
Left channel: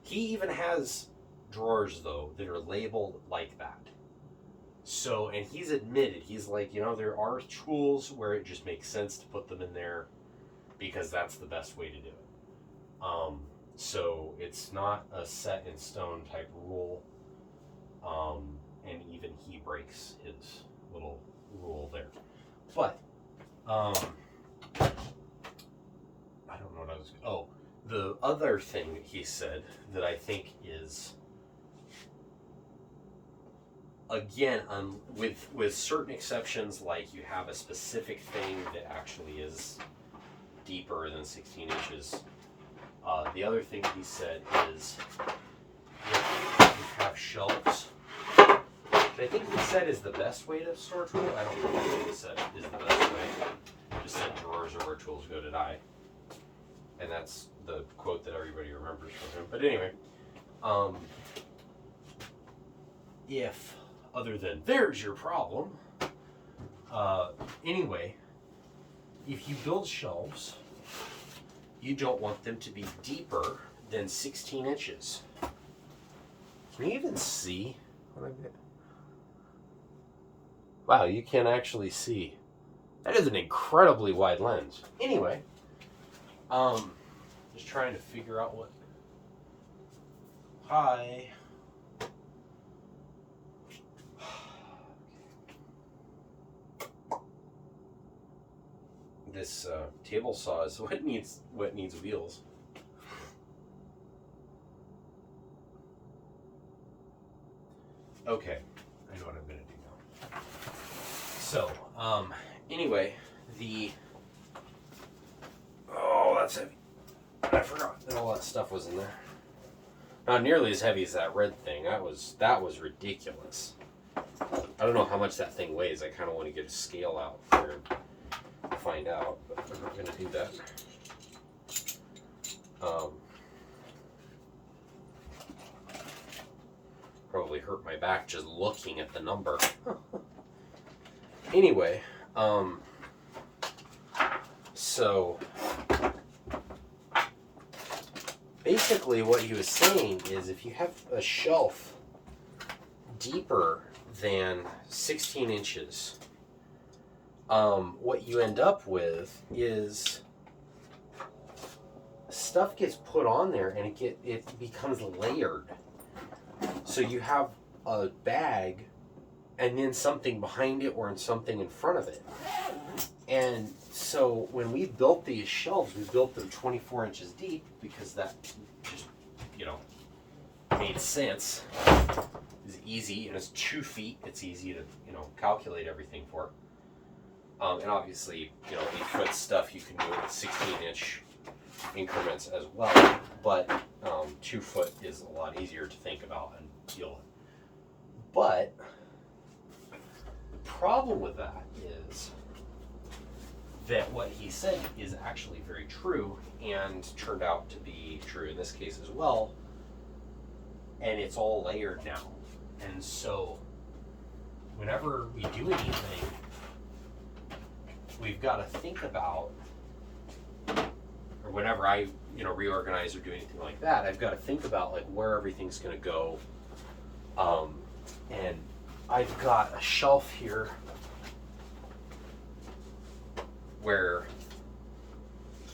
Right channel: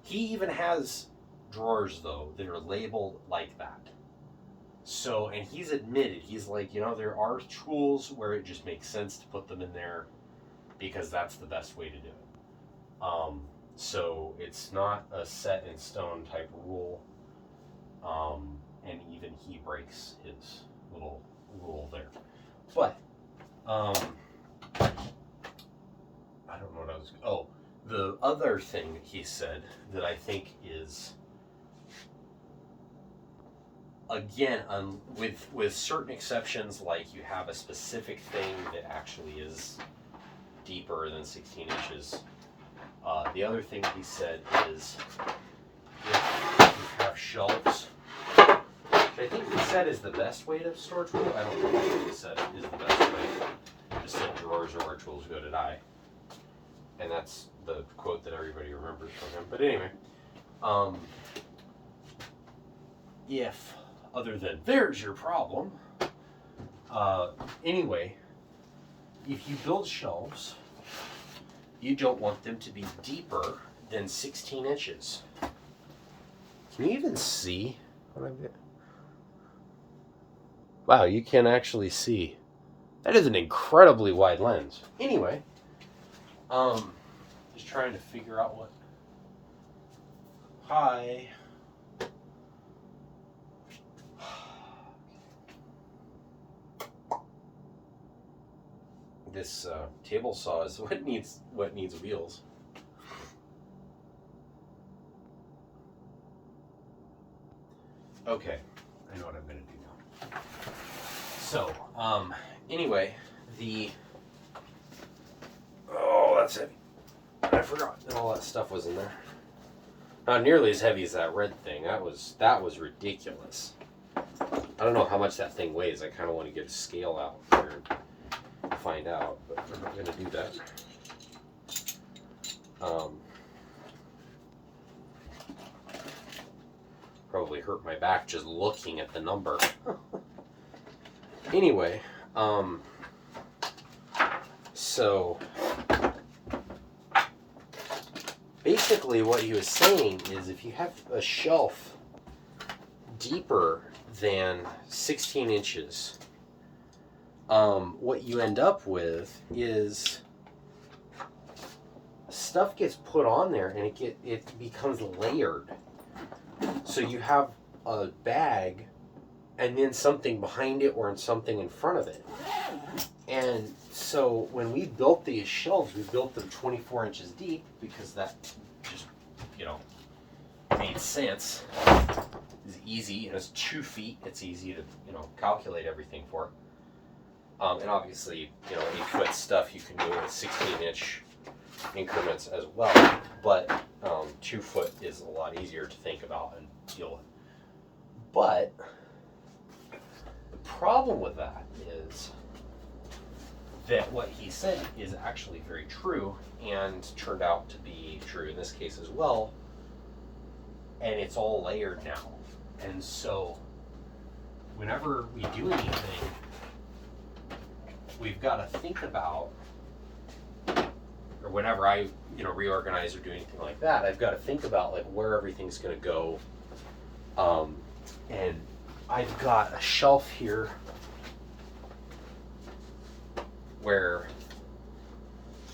He even has drawers, though, that are labeled like that. So, and he's admitted, he's like, there are tools where it just makes sense to put them in there because that's the best way to do it. So it's not a set in stone type rule. And even he breaks his little rule there. But, I don't know what I was... Oh, the other thing that he said that I think is... Again, with certain exceptions, like you have a specific thing that actually is deeper than 16 inches. The other thing he said is if you have shelves, which I think he said is the best way to store tools. I don't know what he said is the best way. He just said drawers are where tools go to die. And that's the quote that everybody remembers from him. But anyway, if other than there's your problem. Anyway, if you build shelves, you don't want them to be deeper than 16 inches. Can you even see what I'm getting? Wow, you can actually see. That is an incredibly wide lens. Anyway, just trying to figure out what. Hi. This table saw is what needs wheels. Okay, I know what I'm gonna do now. So, anyway, that's heavy. I forgot that all that stuff was in there. Not nearly as heavy as that red thing. That was ridiculous. I don't know how much that thing weighs. I kind of want to get a scale out here to find out, but I'm not going to do that. Probably hurt my back just looking at the number. Anyway, so basically what he was saying is if you have a shelf deeper than 16 inches, what you end up with is stuff gets put on there and it becomes layered. So you have a bag and then something behind it or something in front of it. And so when we built these shelves, we built them 24 inches deep because that just, made sense. It's easy, and it's 2 feet. It's easy to, calculate everything for. And obviously, 8-foot stuff you can do with 16-inch increments as well, but 2 foot is a lot easier to think about and deal with. But the problem with that is that what he said is actually very true and turned out to be true in this case as well, and it's all layered now. And so whenever we do anything, we've got to think about, or whenever I reorganize or do anything like that, I've got to think about like where everything's going to go. And I've got a shelf here where,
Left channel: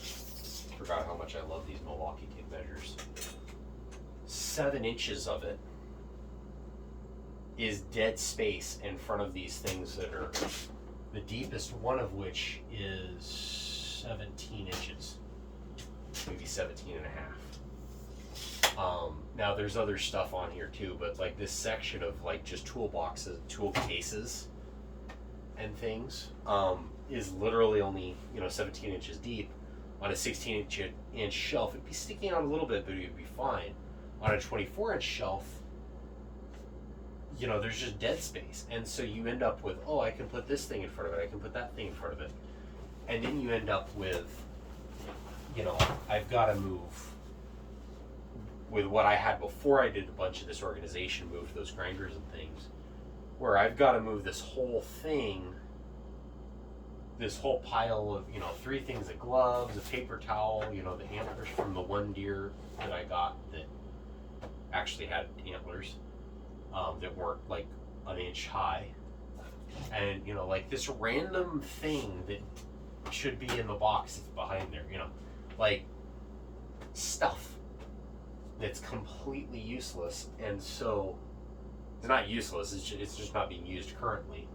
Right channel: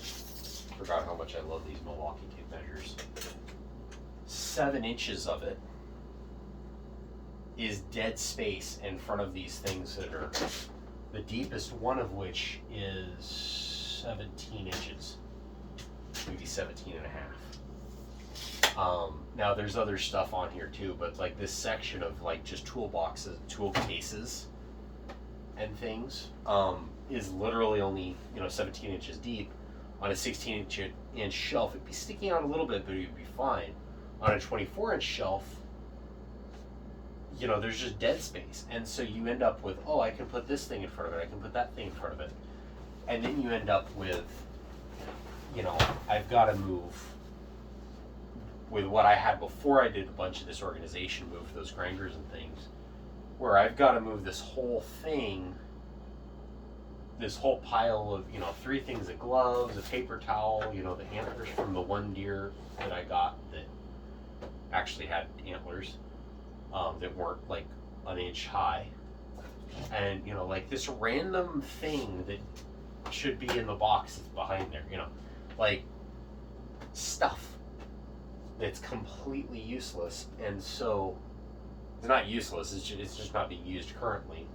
I forgot how much I love these Milwaukee tape measures. 7 inches of it is dead space in front of these things that are, the deepest one of which is 17 inches, maybe 17 and a half. Now there's other stuff on here too, but like this section of like just toolboxes, tool cases and things is literally only 17 inches deep. On a 16-inch shelf, it'd be sticking out a little bit, but it'd be fine. On a 24-inch shelf, there's just dead space, and so you end up with, I can put this thing in front of it, I can put that thing in front of it, and then you end up with, I've got to move with what I had before I did a bunch of this organization, move those grinders and things, where I've got to move this whole thing, this whole pile of, 3 things of gloves, a paper towel, the antlers from the one deer that I got that actually had antlers that weren't like an inch high. And, like this random thing that should be in the box that's behind there, like stuff that's completely useless. And so it's not useless, it's just not being used currently.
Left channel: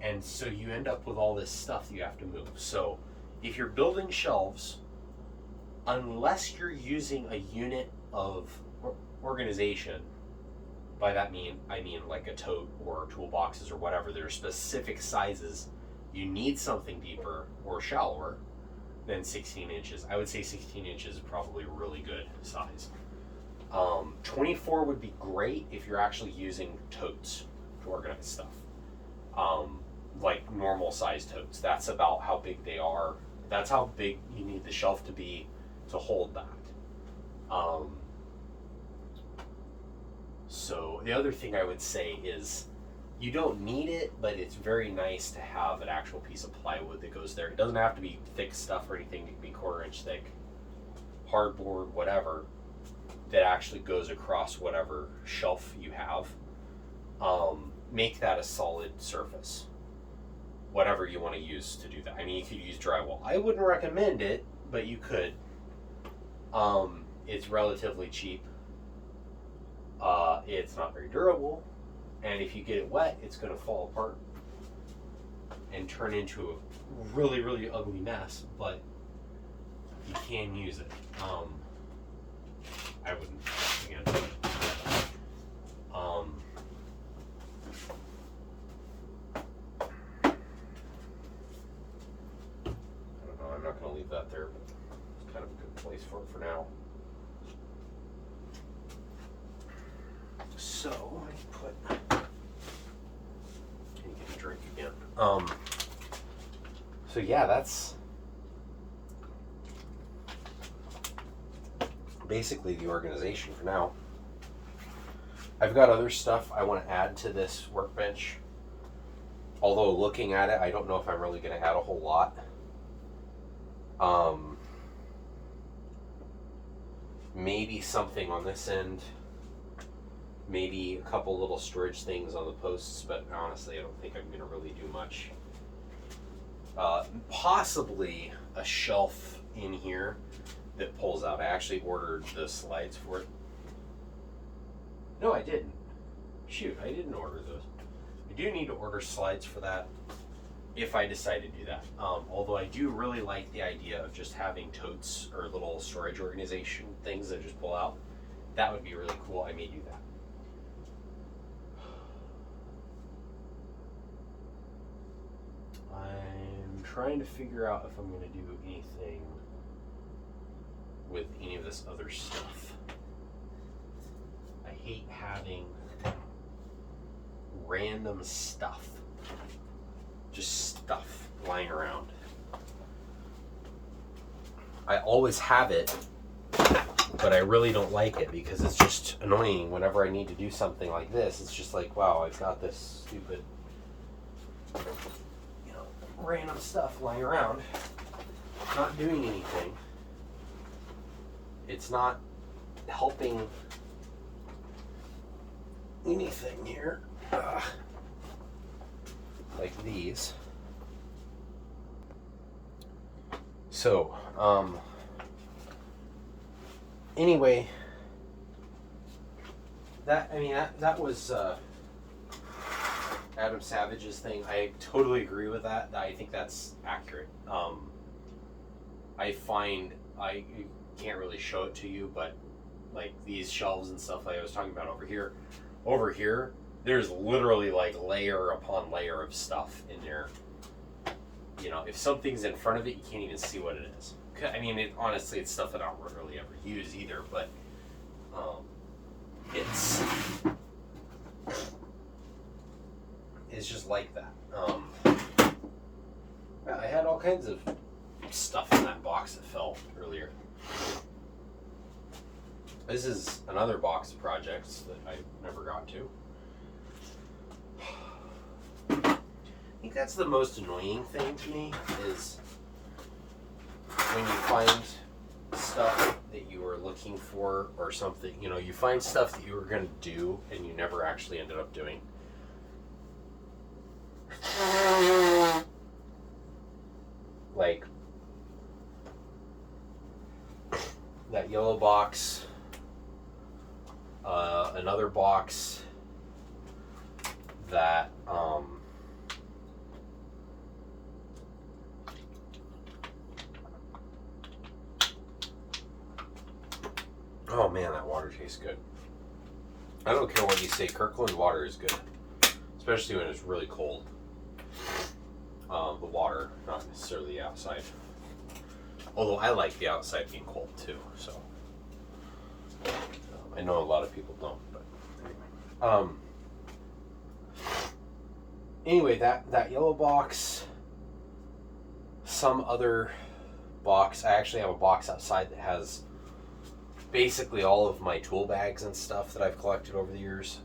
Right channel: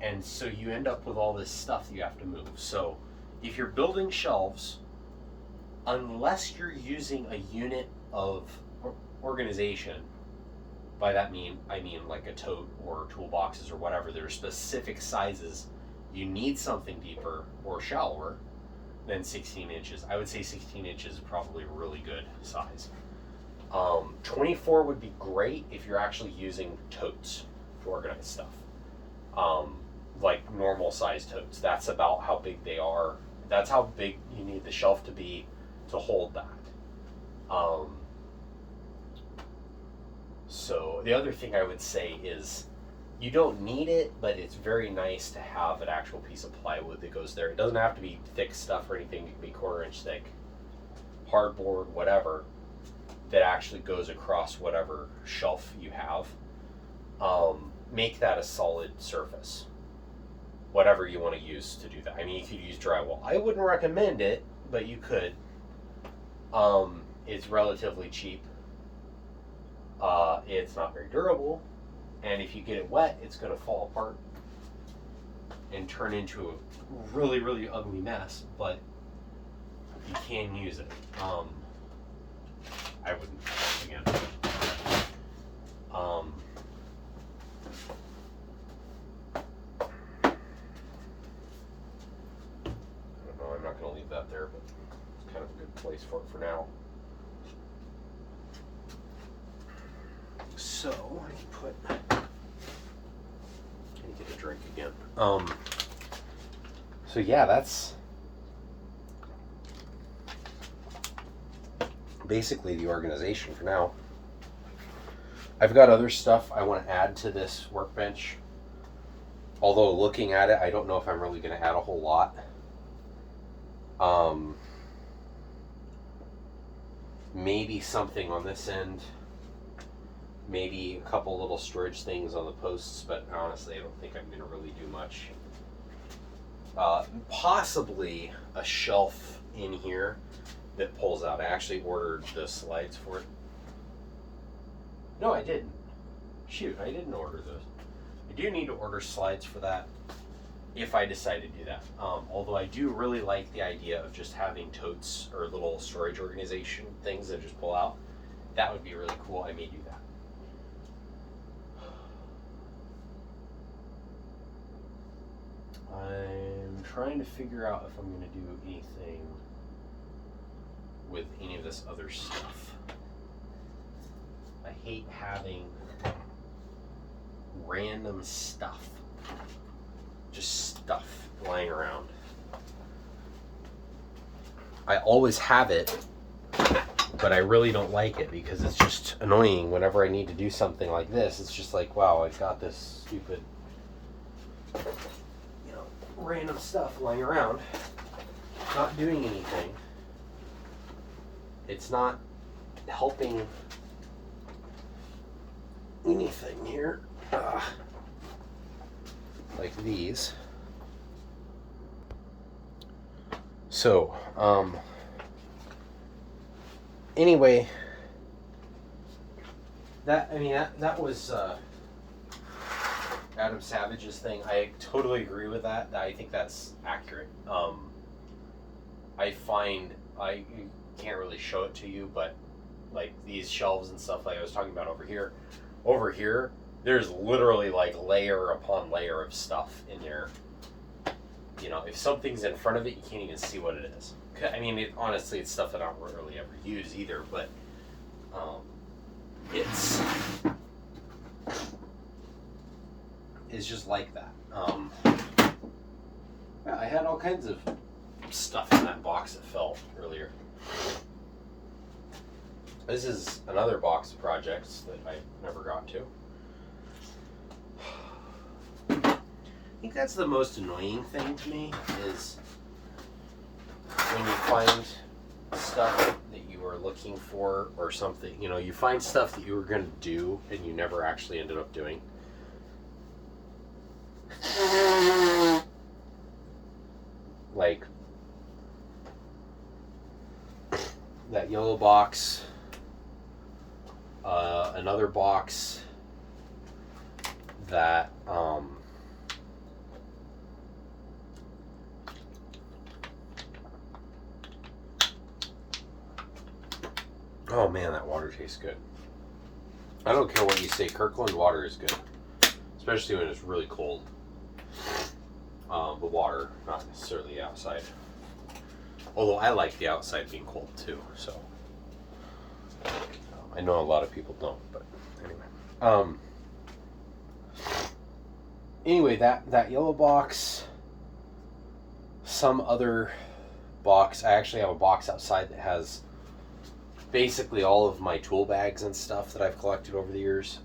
And so you end up with all this stuff that you have to move. So if you're building shelves, unless you're using a unit of organization, by that I mean like a tote or toolboxes or whatever, there are specific sizes, you need something deeper or shallower than 16 inches. I would say 16 inches is probably a really good size. 24 would be great if you're actually using totes to organize stuff. Like normal size totes. That's about how big they are. That's how big you need the shelf to be to hold that. So the other thing I would say is you don't need it, but it's very nice to have an actual piece of plywood that goes there. It doesn't have to be thick stuff or anything. It can be 1/4 inch thick, hardboard, whatever, that actually goes across whatever shelf you have. Make that a solid surface, whatever you want to use to do that. I mean, you could use drywall. I wouldn't recommend it, but you could. It's relatively cheap. It's not very durable, and if you get it wet, it's going to fall apart and turn into a really, really ugly mess, but you can use it. I wouldn't, again. I'm not going to leave that there, but it's kind of a good place for it for now. So I can put, get a drink again. So yeah, basically the organization for now. I've got other stuff I want to add to this workbench. Although looking at it, I don't know if I'm really going to add a whole lot. Maybe something on this end. Maybe a couple little storage things on the posts, but honestly, I don't think I'm going to really do much. Possibly a shelf in here that pulls out. I actually ordered the slides for it. No, I didn't. Shoot, I didn't order those. I do need to order slides for that if I decide to do that. Although I do really like the idea of just having totes or little storage organization things that just pull out. That would be really cool. I may do that. I'm trying to figure out if I'm going to do anything with any of this other stuff. I hate having random stuff, just stuff lying around. I always have it, but I really don't like it because it's just annoying whenever I need to do something like this. It's just like, wow, I've got this stupid, random stuff lying around, not doing anything. It's not helping anything here. Like these. So, anyway, that was Adam Savage's thing. I totally agree with that. I think that's accurate. I find I can't really show it to you, but like these shelves and stuff like I was talking about over here, there's literally like layer upon layer of stuff in there. If something's in front of it, you can't even see what it is. I mean, honestly, it's stuff that I don't really ever use either, but it's just like that. I had all kinds of stuff in that box that fell earlier. This is another box of projects that I never got to. I think that's the most annoying thing to me is when you find stuff that you are looking for or something, you find stuff that you were going to do and you never actually ended up doing. Like that yellow box, another box that oh man, that water tastes good. I don't care what you say, Kirkland water is good, especially when it's really cold. The water, not necessarily the outside. Although I like the outside being cold too, so I know a lot of people don't, but anyway. That yellow box, some other box. I actually have a box outside that has basically all of my tool bags and stuff that I've collected over the years.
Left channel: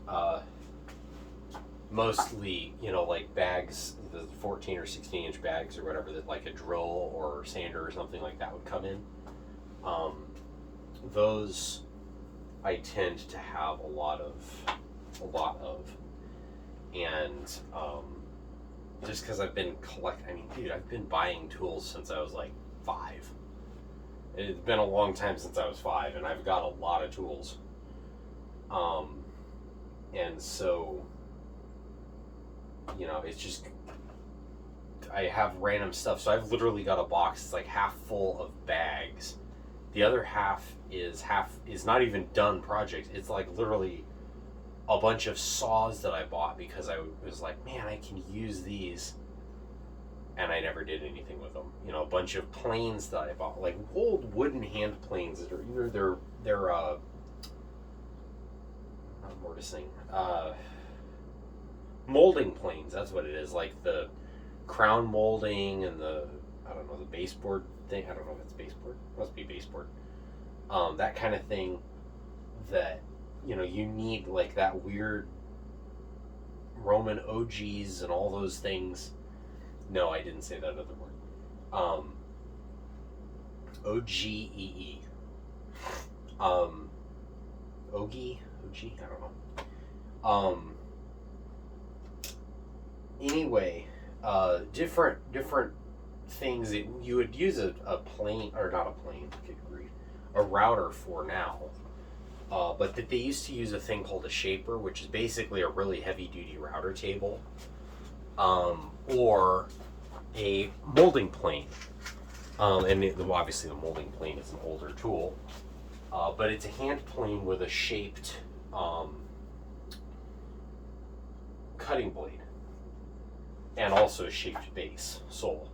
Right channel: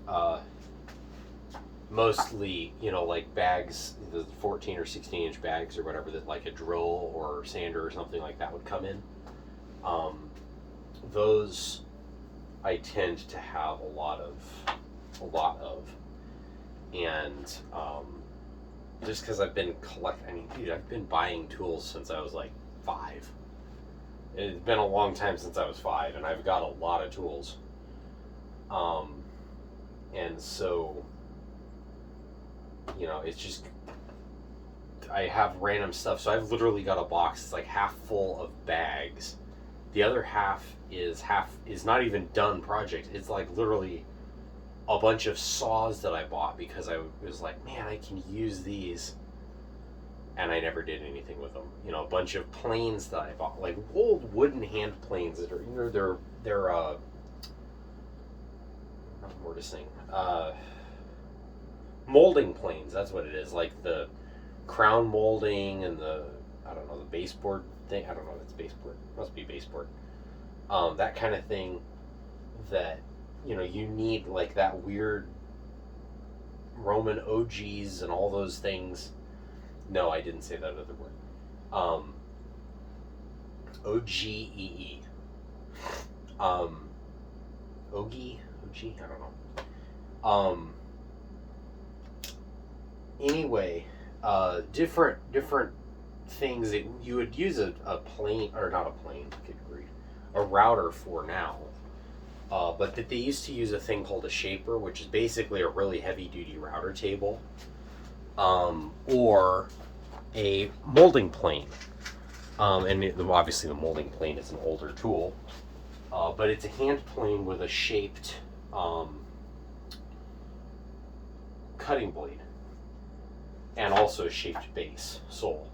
Mostly, like bags, the 14 or 16 inch bags or whatever that like a drill or sander or something like that would come in. Those I tend to have a lot of, and just because I've been I've been buying tools since I was like 5. It's been a long time since I was 5, and I've got a lot of tools. And so, it's just, I have random stuff. So I've literally got a box that's like half full of bags. The other half is not even done project. It's like literally a bunch of saws that I bought because I was like, man, I can use these. And I never did anything with them. A bunch of planes that I bought, like old wooden hand planes that are they're not mortising, molding planes. That's what it is. Like the crown molding and the baseboard thing. I don't know if it's baseboard. It must be baseboard. that kind of thing that, you need like that weird Roman OGs and all those things. No, I didn't say that other word. OGEE. OG, I don't know. Anyway, different things that you would use a plane, or not a plane, good grief, a router for now. But that they used to use a thing called a shaper, which is basically a really heavy duty router table, or a molding plane. Obviously the molding plane is an older tool, but it's a hand plane with a shaped cutting blade, and also a shaped base sole.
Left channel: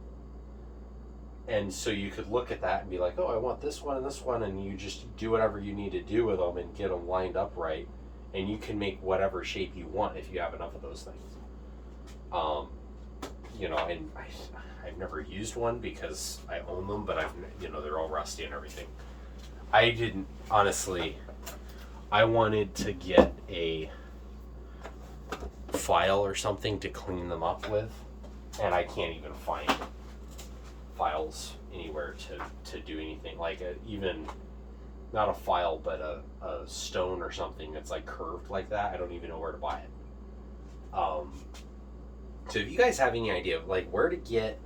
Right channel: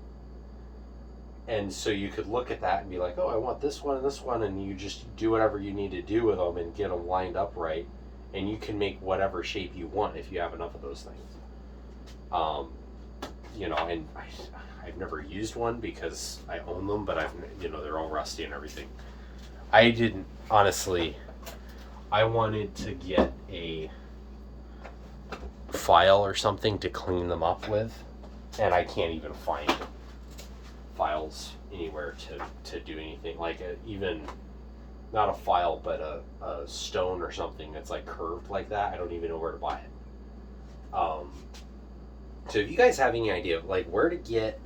And so you could look at that and be like, oh, I want this one, and you just do whatever you need to do with them and get them lined up right, and you can make whatever shape you want if you have enough of those things. And I've never used one because I own them, but they're all rusty and everything. I didn't, honestly, I wanted to get a file or something to clean them up with, and I can't even find files anywhere to do anything like even not a file, but a stone or something that's like curved like that. I don't even know where to buy it. So if you guys have any idea of like where to get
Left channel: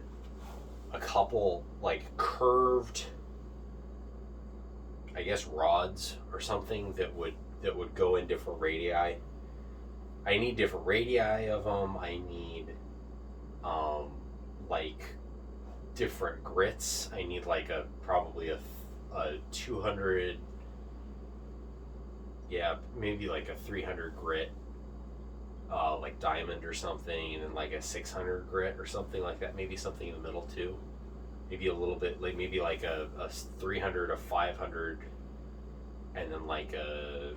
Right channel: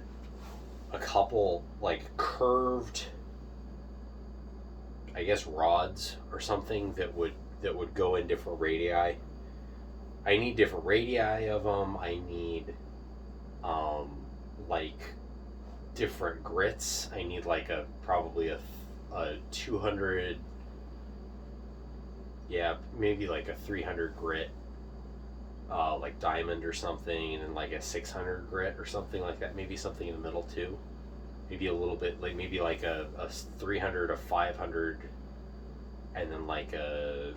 a couple like curved, I guess, rods or something that would go in different radii. I need different radii of them. I need like different grits. I need like probably a 200, maybe like a 300 grit, like diamond or something, and then like a 600 grit or something like that. Maybe something in the middle too. Maybe a little bit like maybe like a 300, a 500, and then like a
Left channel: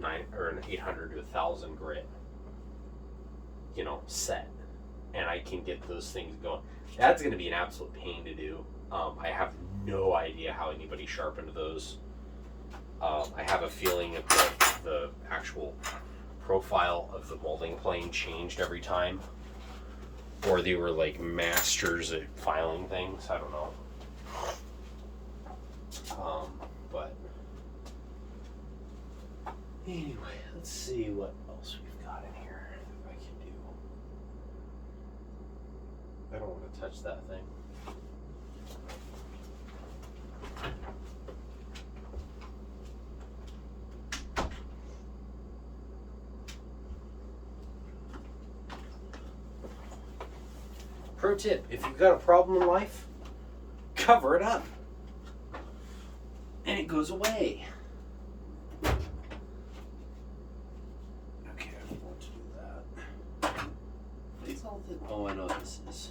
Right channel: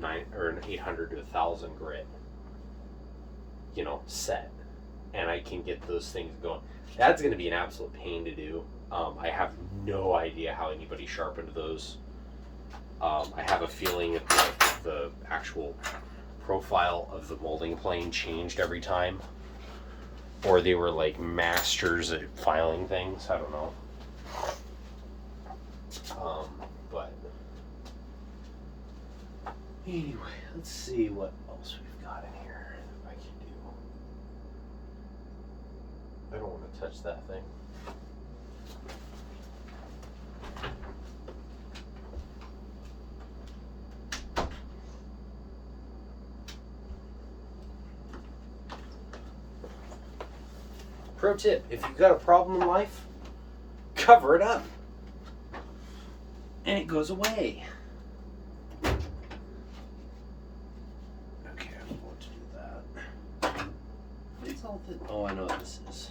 9 or an 800 to 1,000 grit, set. And I can get those things going. That's going to be an absolute pain to do. I have no idea how anybody sharpened those. I have a feeling that like the actual profile of the molding plane changed every time, or they were like masters at filing things. I don't know. But anyway, let's see what else we've got in here that I can do. I don't want to touch that thing. Pro tip, if you've got a problem in life, cover it up. And it goes away. Okay, I'm going to do that. What's all this? Oh, I know what this is.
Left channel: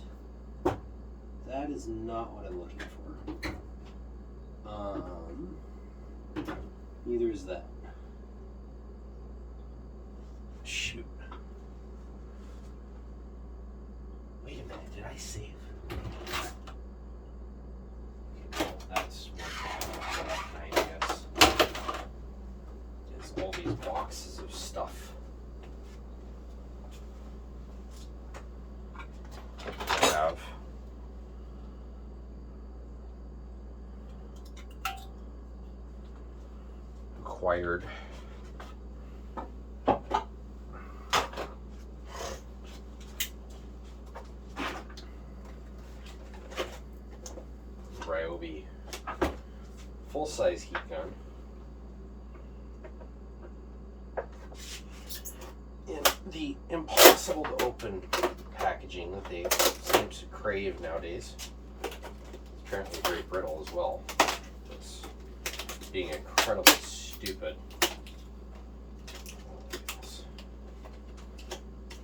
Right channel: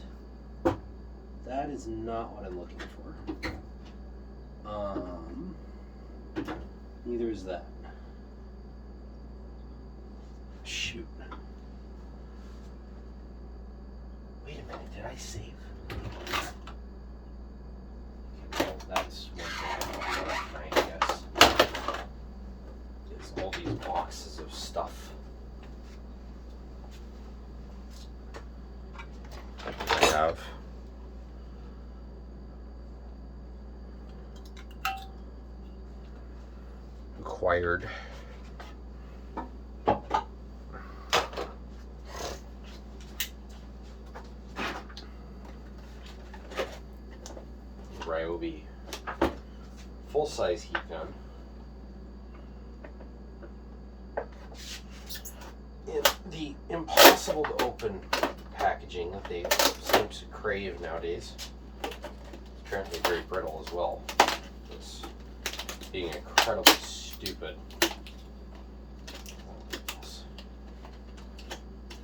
That is not what I'm looking for. Neither is that. Shoot. Wait a minute, did I save? Well, that's one thing I guess. It's all these boxes of stuff. I have acquired Ryobi full-size heat gun. In the impossible to open packaging that they seem to crave nowadays. It's apparently very brittle as well. It's being incredibly stupid.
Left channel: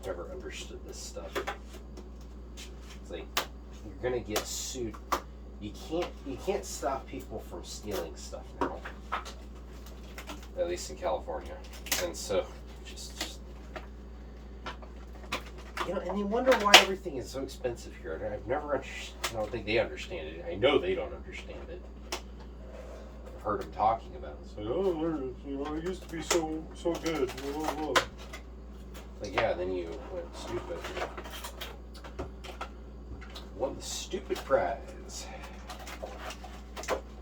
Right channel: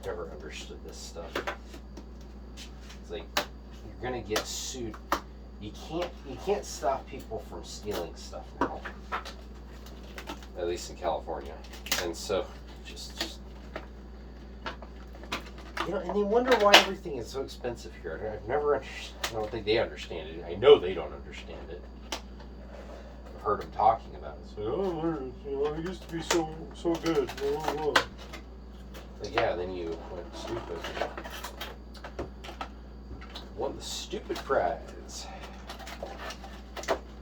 Never understood this stuff. It's like you're gonna get sued. You can't stop people from stealing stuff now. At least in California. And so just and they wonder why everything is so expensive here. I don't think they understand it. I know they don't understand it. heard him talking about it. It's like, oh, you know, it used to be so good. Blah, blah, blah. Like, yeah, then you went stupid. Won the stupid prize.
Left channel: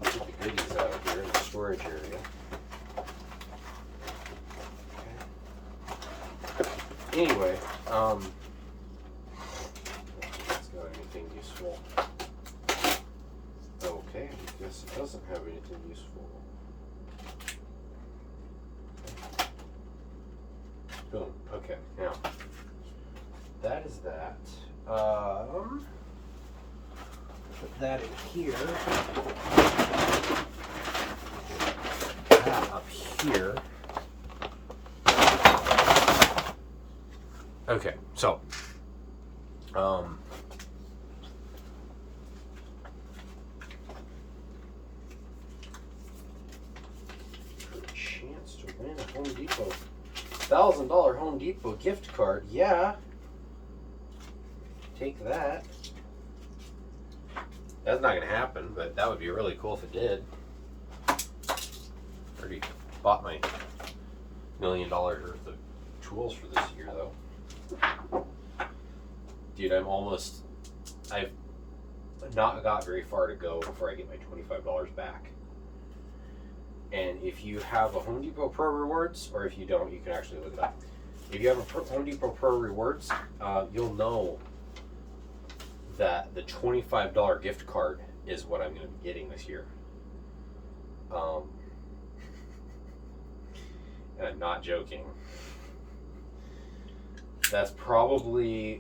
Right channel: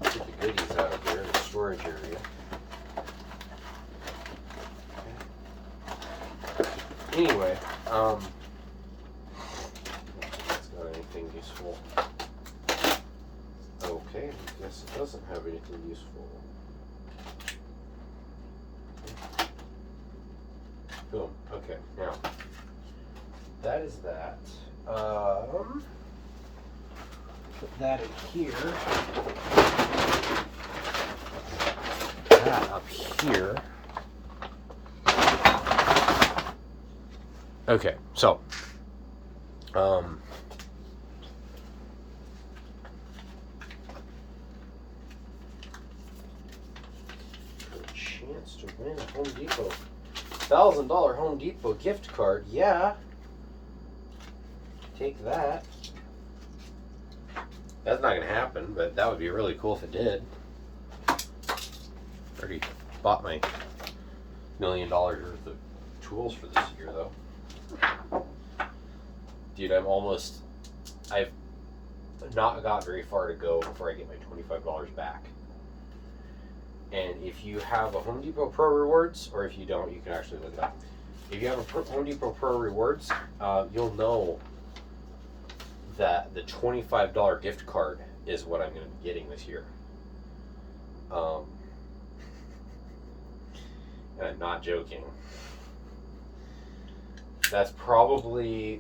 Put the goodies out here in the storage area. Okay. Anyway, it's got anything useful. Okay, I guess it doesn't have anything useful. Boom. Okay, now that is that. Put that in here. That up here. Okay, so for a chance to win a Home Depot $1,000 Home Depot gift card, yeah. Take that. That's not gonna happen, but that would be really cool if it did. Already bought my $1 million worth of tools for this year, though. Dude, I've not got very far to go before I get my $25 back. And if you have a Home Depot Pro Rewards, or if you don't, you can actually look it up. If you have a Home Depot Pro Rewards, you'll know that the $25 gift card is what I'm going to be getting this year. And I'm not joking. That's probably,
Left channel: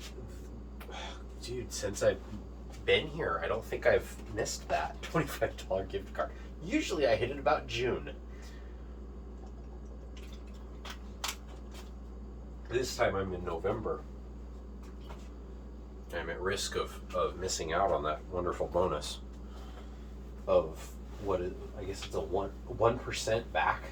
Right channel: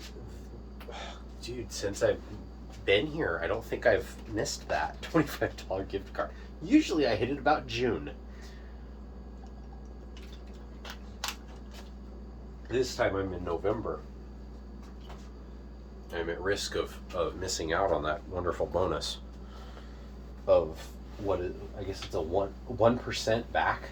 dude, since I've been here, I don't think I've missed that $25 gift card. Usually I hit it about June. This time I'm in November. I'm at risk of missing out on that wonderful bonus of what is, I guess it's a 1% back.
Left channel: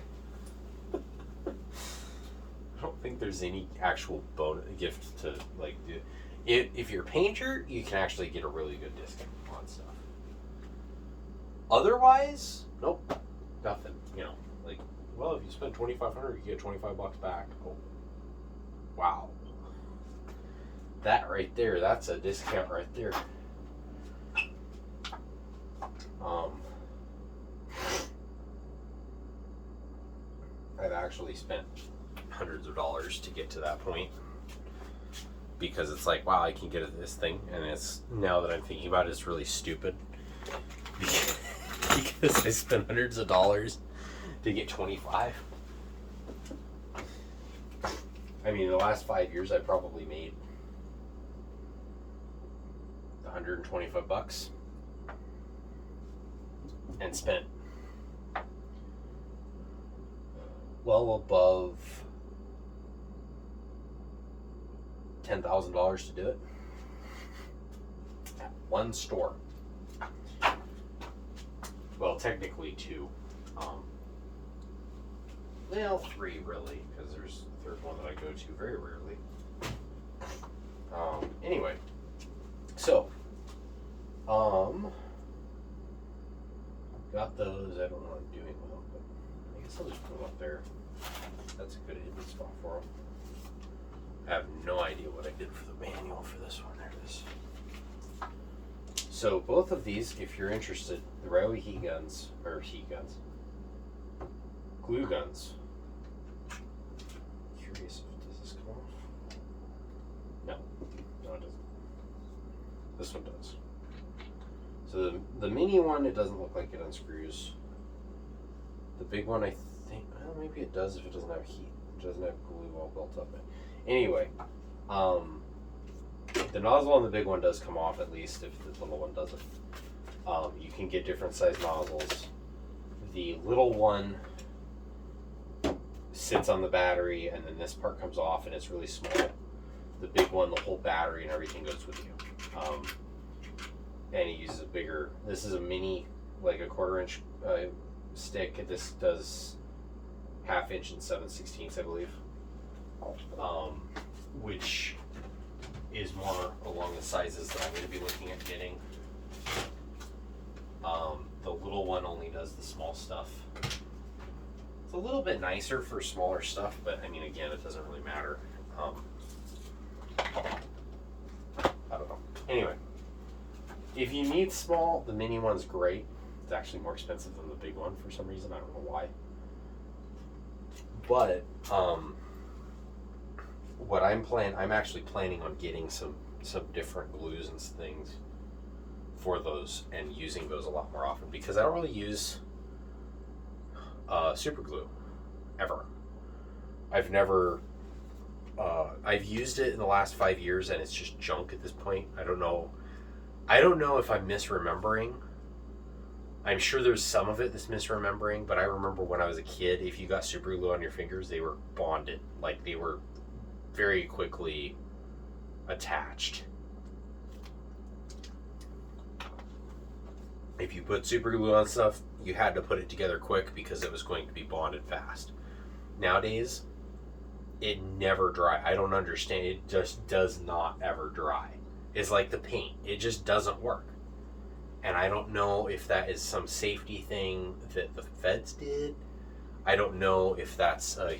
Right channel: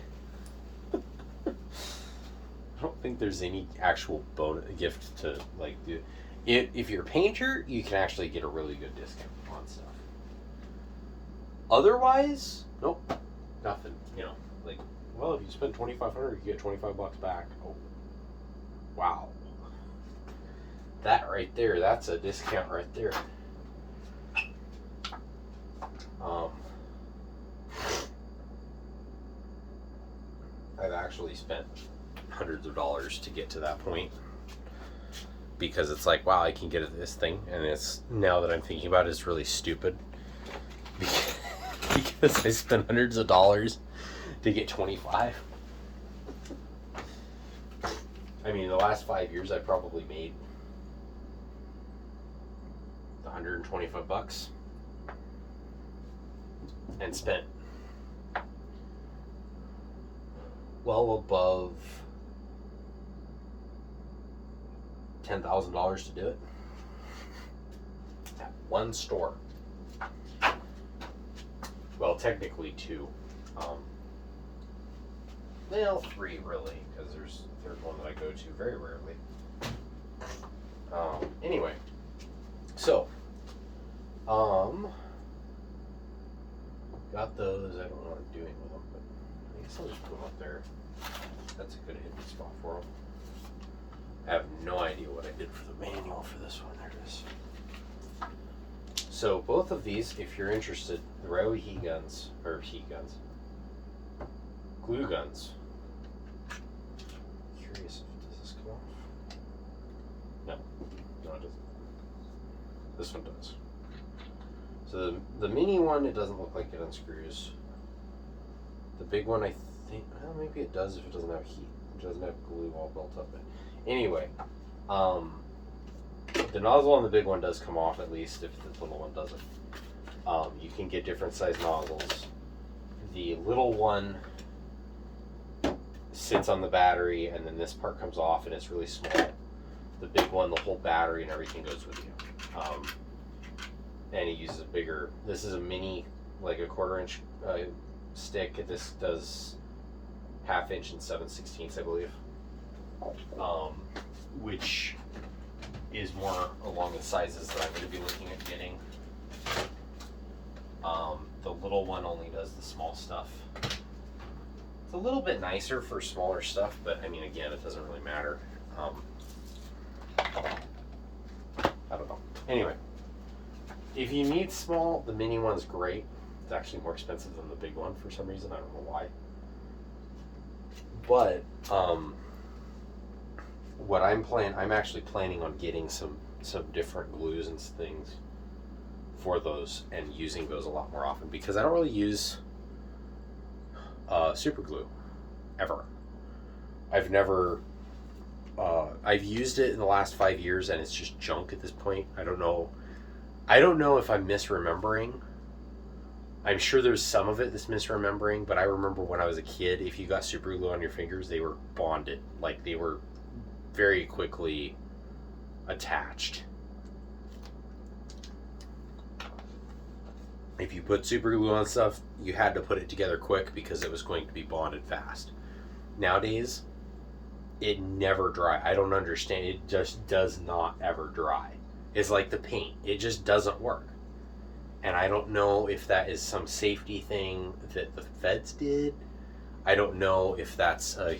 I don't think there's any actual bonus gift to like do. If you're a painter, you can actually get a really good discount on stuff. Otherwise, nope, nothing. You know, like, well, if you spend $2,500, you get $25 back. Oh, wow, that right there, that's a discount right there. I've actually spent hundreds of dollars to get to that point because it's like, wow, I can get this thing, and it's, now that I'm thinking about it, it's really stupid because I spent hundreds of dollars to get 25. I mean, the last 5 years I probably made $125 and spent well above $10,000 to do it at one store. Well, technically two. Well, three really, because there's a third one that I go to very rarely. Anyway, so got those. I don't know what I'm doing with them, but I guess I'll just put them up there. That's a good hidden spot for them. I have no idea what I did for the manual for this one. There it is. So both of these, if you're interested, the Ryobi heat guns, glue guns. Curious if does this come off? No, it doesn't. This one does. So the mini one, it doesn't look like it unscrews. The big one, I think, well, maybe it does if it doesn't have heat. It doesn't have glue all built up. Anyway, the nozzle on the big one does come off, at least if the little one doesn't. You can get different size nozzles. The little one sits on the battery, and then this part comes off, and it's really small. The big one, the whole battery and everything goes with you. And it uses a bigger, this is a mini, like a 1/4 inch stick. This does 1/2 inch and 7/16, I believe. Which is more along the sizes that I'm going to be looking at getting. the little one only does the small stuff. It's a little bit nicer for smaller stuff, but I mean, again, it doesn't really matter. I don't know. Anyway, if you need small, the mini one's great. It's actually more expensive than the big one for some reason. I don't know why. But what I'm actually planning on getting some different glues and things for those and using those a lot more often, because I don't really use super glue ever. I've never I've used it in the last 5 years and it's just junk at this point. I don't know if I'm misremembering. I'm sure there's some of it that's misremembering, but I remember when I was a kid, if you got super glue on your fingers, they were bonded. Like, they were very quickly attached. If you put super glue on stuff, you had to put it together quick because it was going to be bonded fast. Nowadays, it never dry. I don't understand. It just does not ever dry. It's like the paint. It just doesn't work. And I don't know if that is some safety thing that the feds did. I don't know if that's a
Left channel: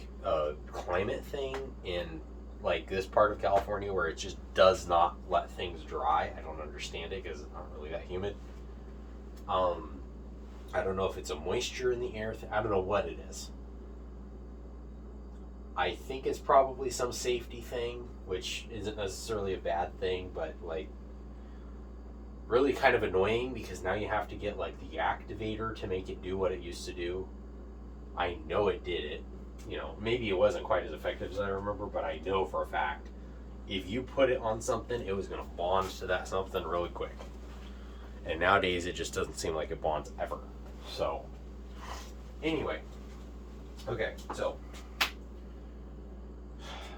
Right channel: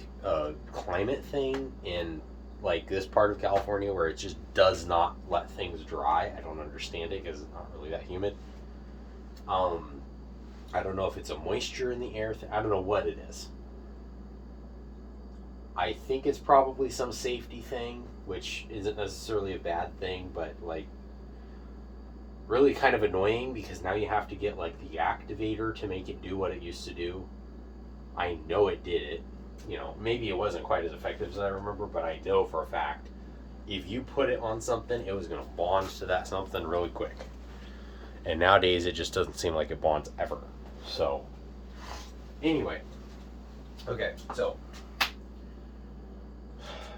climate thing in like this part of California where it just does not let things dry. I don't understand it because it's not really that humid. I don't know if it's a moisture in the air. I don't know what it is. I think it's probably some safety thing, which isn't necessarily a bad thing, but like really kind of annoying because now you have to get like the activator to make it do what it used to do. I know it did it. You know, maybe it wasn't quite as effective as I remember, but I know for a fact if you put it on something, it was going to bond to that something really quick. And nowadays, it just doesn't seem like it bonds ever. So, anyway. Okay, so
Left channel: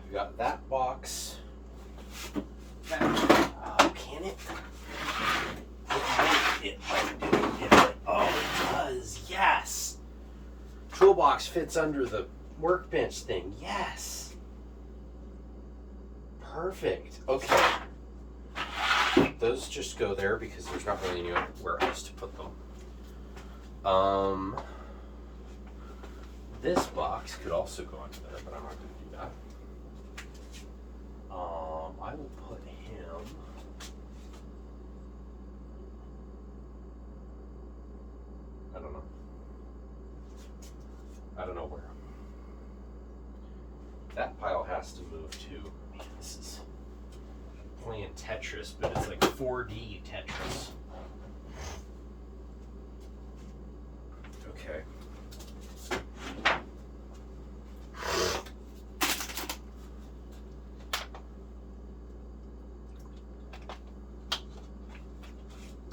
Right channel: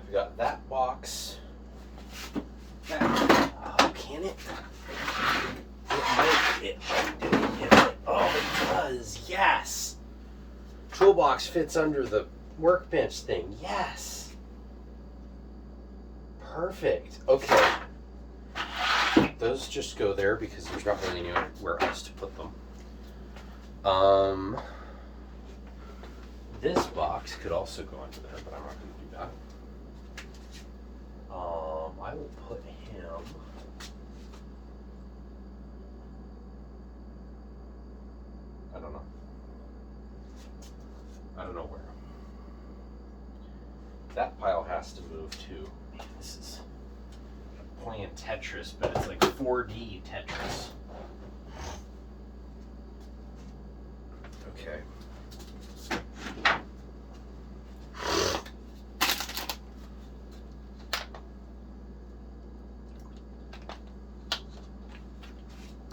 we got that box. That, oh, can it? It might do it. Oh, it does. Yes. Toolbox fits under the workbench thing. Yes. Perfect. Okay. Those just go there because there's not really anywhere else to put them. This box could also go into there, but I'm not going to do that. I will put him. I don't know. I don't know where. That pile has to move too. This is playing Tetris, but it's like 4D Tetris. Okay.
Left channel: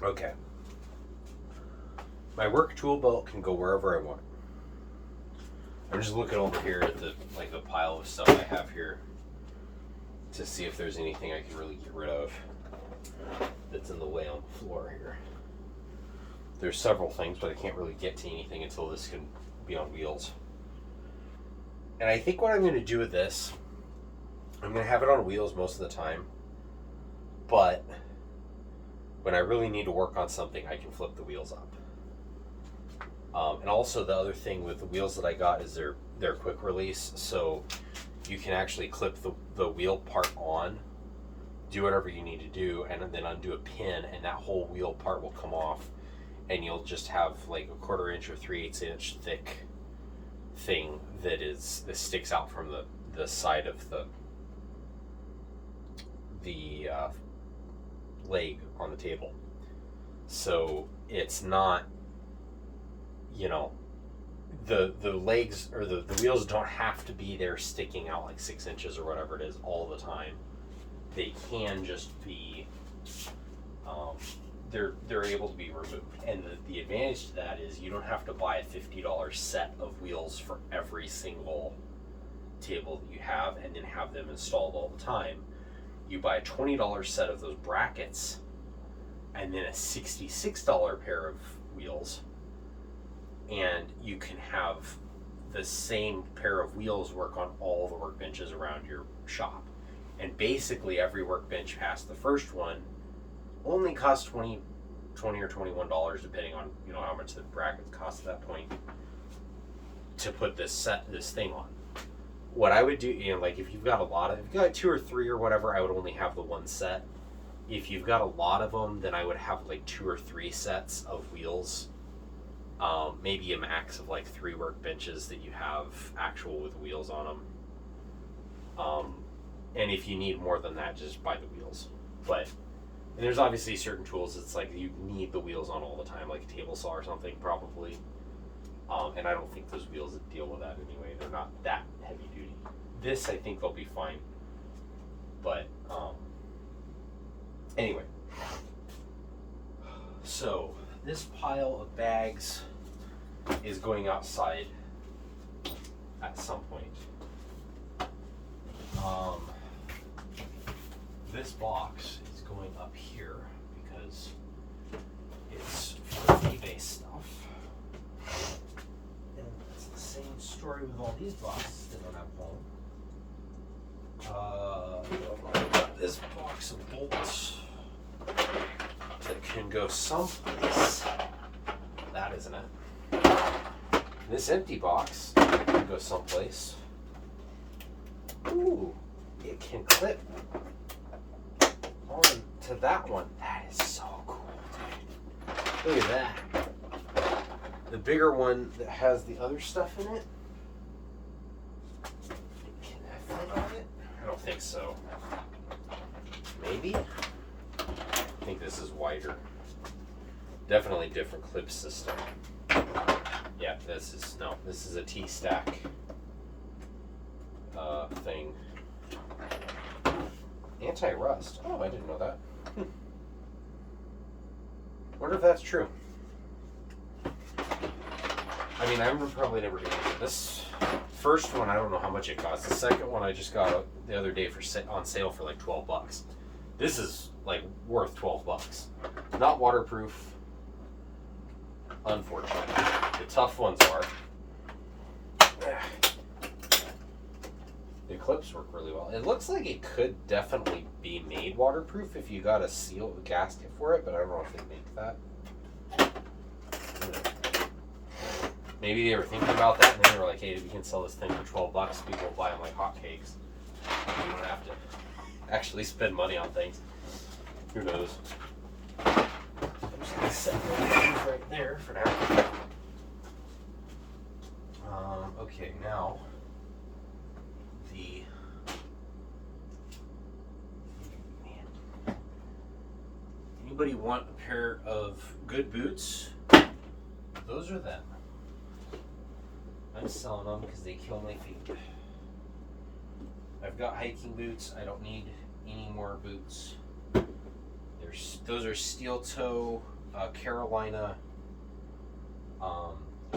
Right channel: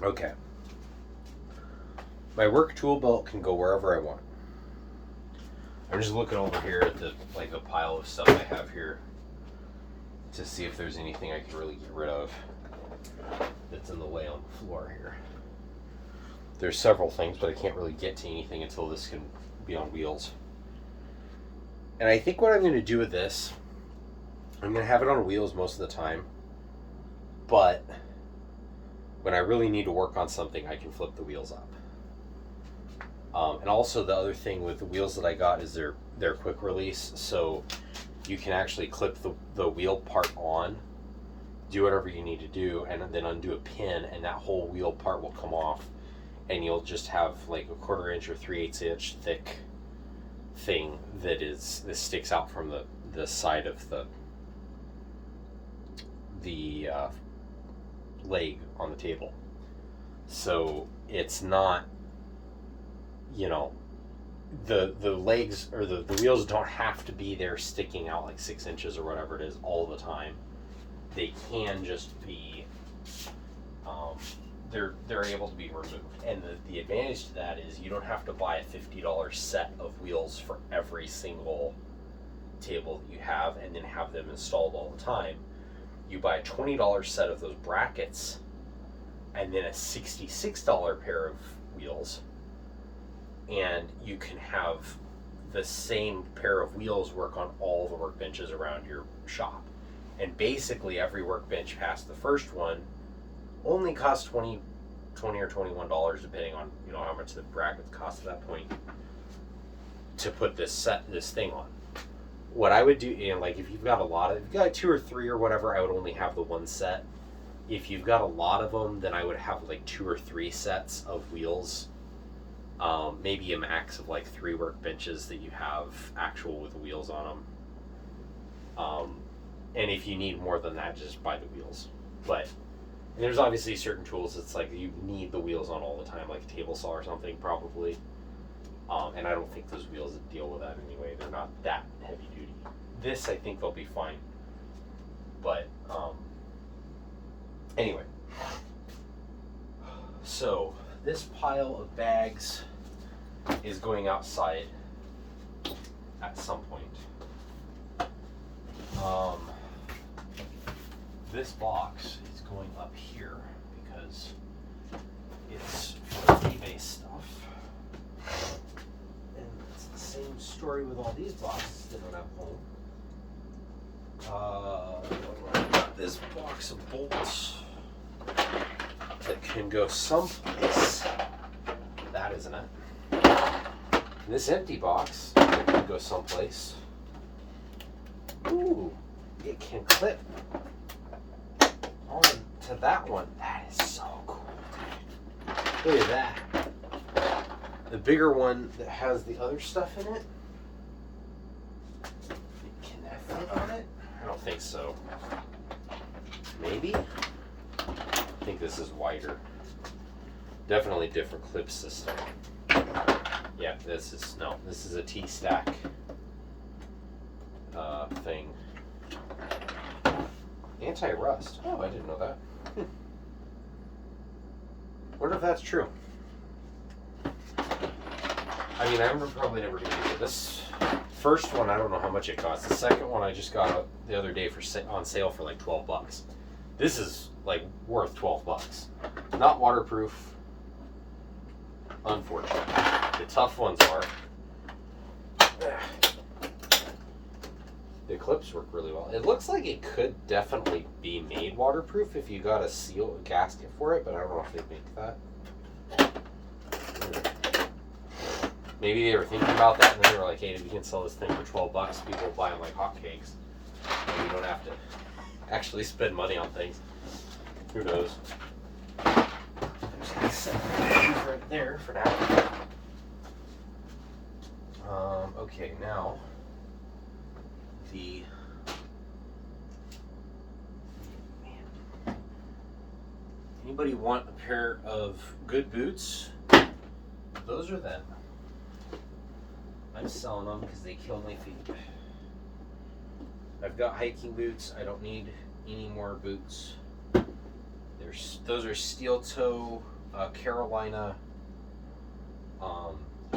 Okay. My work tool belt can go wherever I want. I'm just looking over here at the a pile of stuff I have here to see if there's anything I can really get rid of that's in the way on the floor here. There's several things, but I can't really get to anything until this can be on wheels. And I think what I'm going to do with this, I'm going to have it on wheels most of the time, but when I really need to work on something, I can flip the wheels up. And also the other thing with the wheels that I got is they're quick release, so you can actually clip the wheel part on, do whatever you need to do, and then undo a pin, and that whole wheel part will come off, and you'll just have like a 1/4 inch or 3/8 inch thick thing that sticks out from the side of the leg on the table. So it's not, you know, the legs or the wheels don't have to be there sticking out like 6 inches or whatever it is all the time. They can just be they're able to be removed, and the advantage to that is you don't have to buy a $50 set of wheels for every single table that you have and then have them installed all the time. You buy a $20 set of those brackets and then a $66 pair of wheels, and you can have the same pair of wheels work on all the workbenches around your shop. And basically every workbench past the first one only costs $20 $20 or $21, depending on how much the bracket costs at that point, to put this thing on. What I would do, like if you've got if you've got 2 or 3 or whatever, I would only have the one set. If you've got a lot of them, then I would have like 2 or 3 sets of wheels. Maybe a max of like 3 workbenches that you have actual with wheels on them. And if you need more than that, just buy the wheels. But and there's obviously certain tools it's like you need the wheels on all the time, like a table saw or something probably. And I don't think those wheels deal with that anyway. They're not that heavy duty. This, I think they'll be fine. But anyway, so this pile of bags is going outside at some point. This box is going up here because it's for eBay stuff. And it's the same story with all these boxes that don't have home. I've got this box of bolts that can go someplace. That isn't it. This empty box that can go someplace. Ooh, it can clip on to that one. That is so cool. Look at that. The bigger one that has the other stuff in it. Can that fit on it? I don't think so. Maybe? I think this is wider. Definitely different clip system. Yeah, this is a T-stack thing. Anti-rust. Oh, I didn't know that. Wonder if that's true. I mean, I'm probably never going to use it. This first one, I don't know how much it costs. The second one I just got the other day on sale for like $12. This is like worth $12. Not waterproof, unfortunately. The tough ones are. The clips work really well. It looks like it could definitely be made waterproof if you got a gasket for it, but I don't know if they make that. Maybe they were thinking about that, and then they were like, hey, we can sell this thing for $12. People buy them like hotcakes. And you don't have to actually spend money on things. Who knows? I'm just going to set those right there for now. Okay, now anybody want a pair of good boots? Those are them. I'm selling them because they kill my feet. I've got hiking boots. I don't need any more boots. Those are steel toe Carolina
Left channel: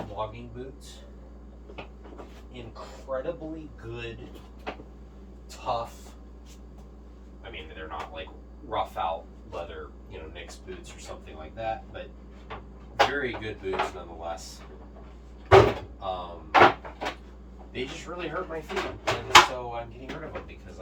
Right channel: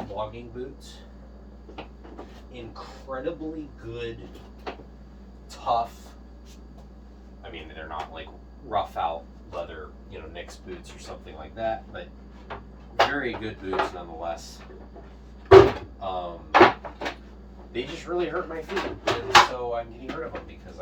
logging boots. Incredibly good, tough. I mean, they're not like rough out leather, Nick's boots or something like that, but very good boots nonetheless. They just really hurt my feet, and so I'm getting rid of them because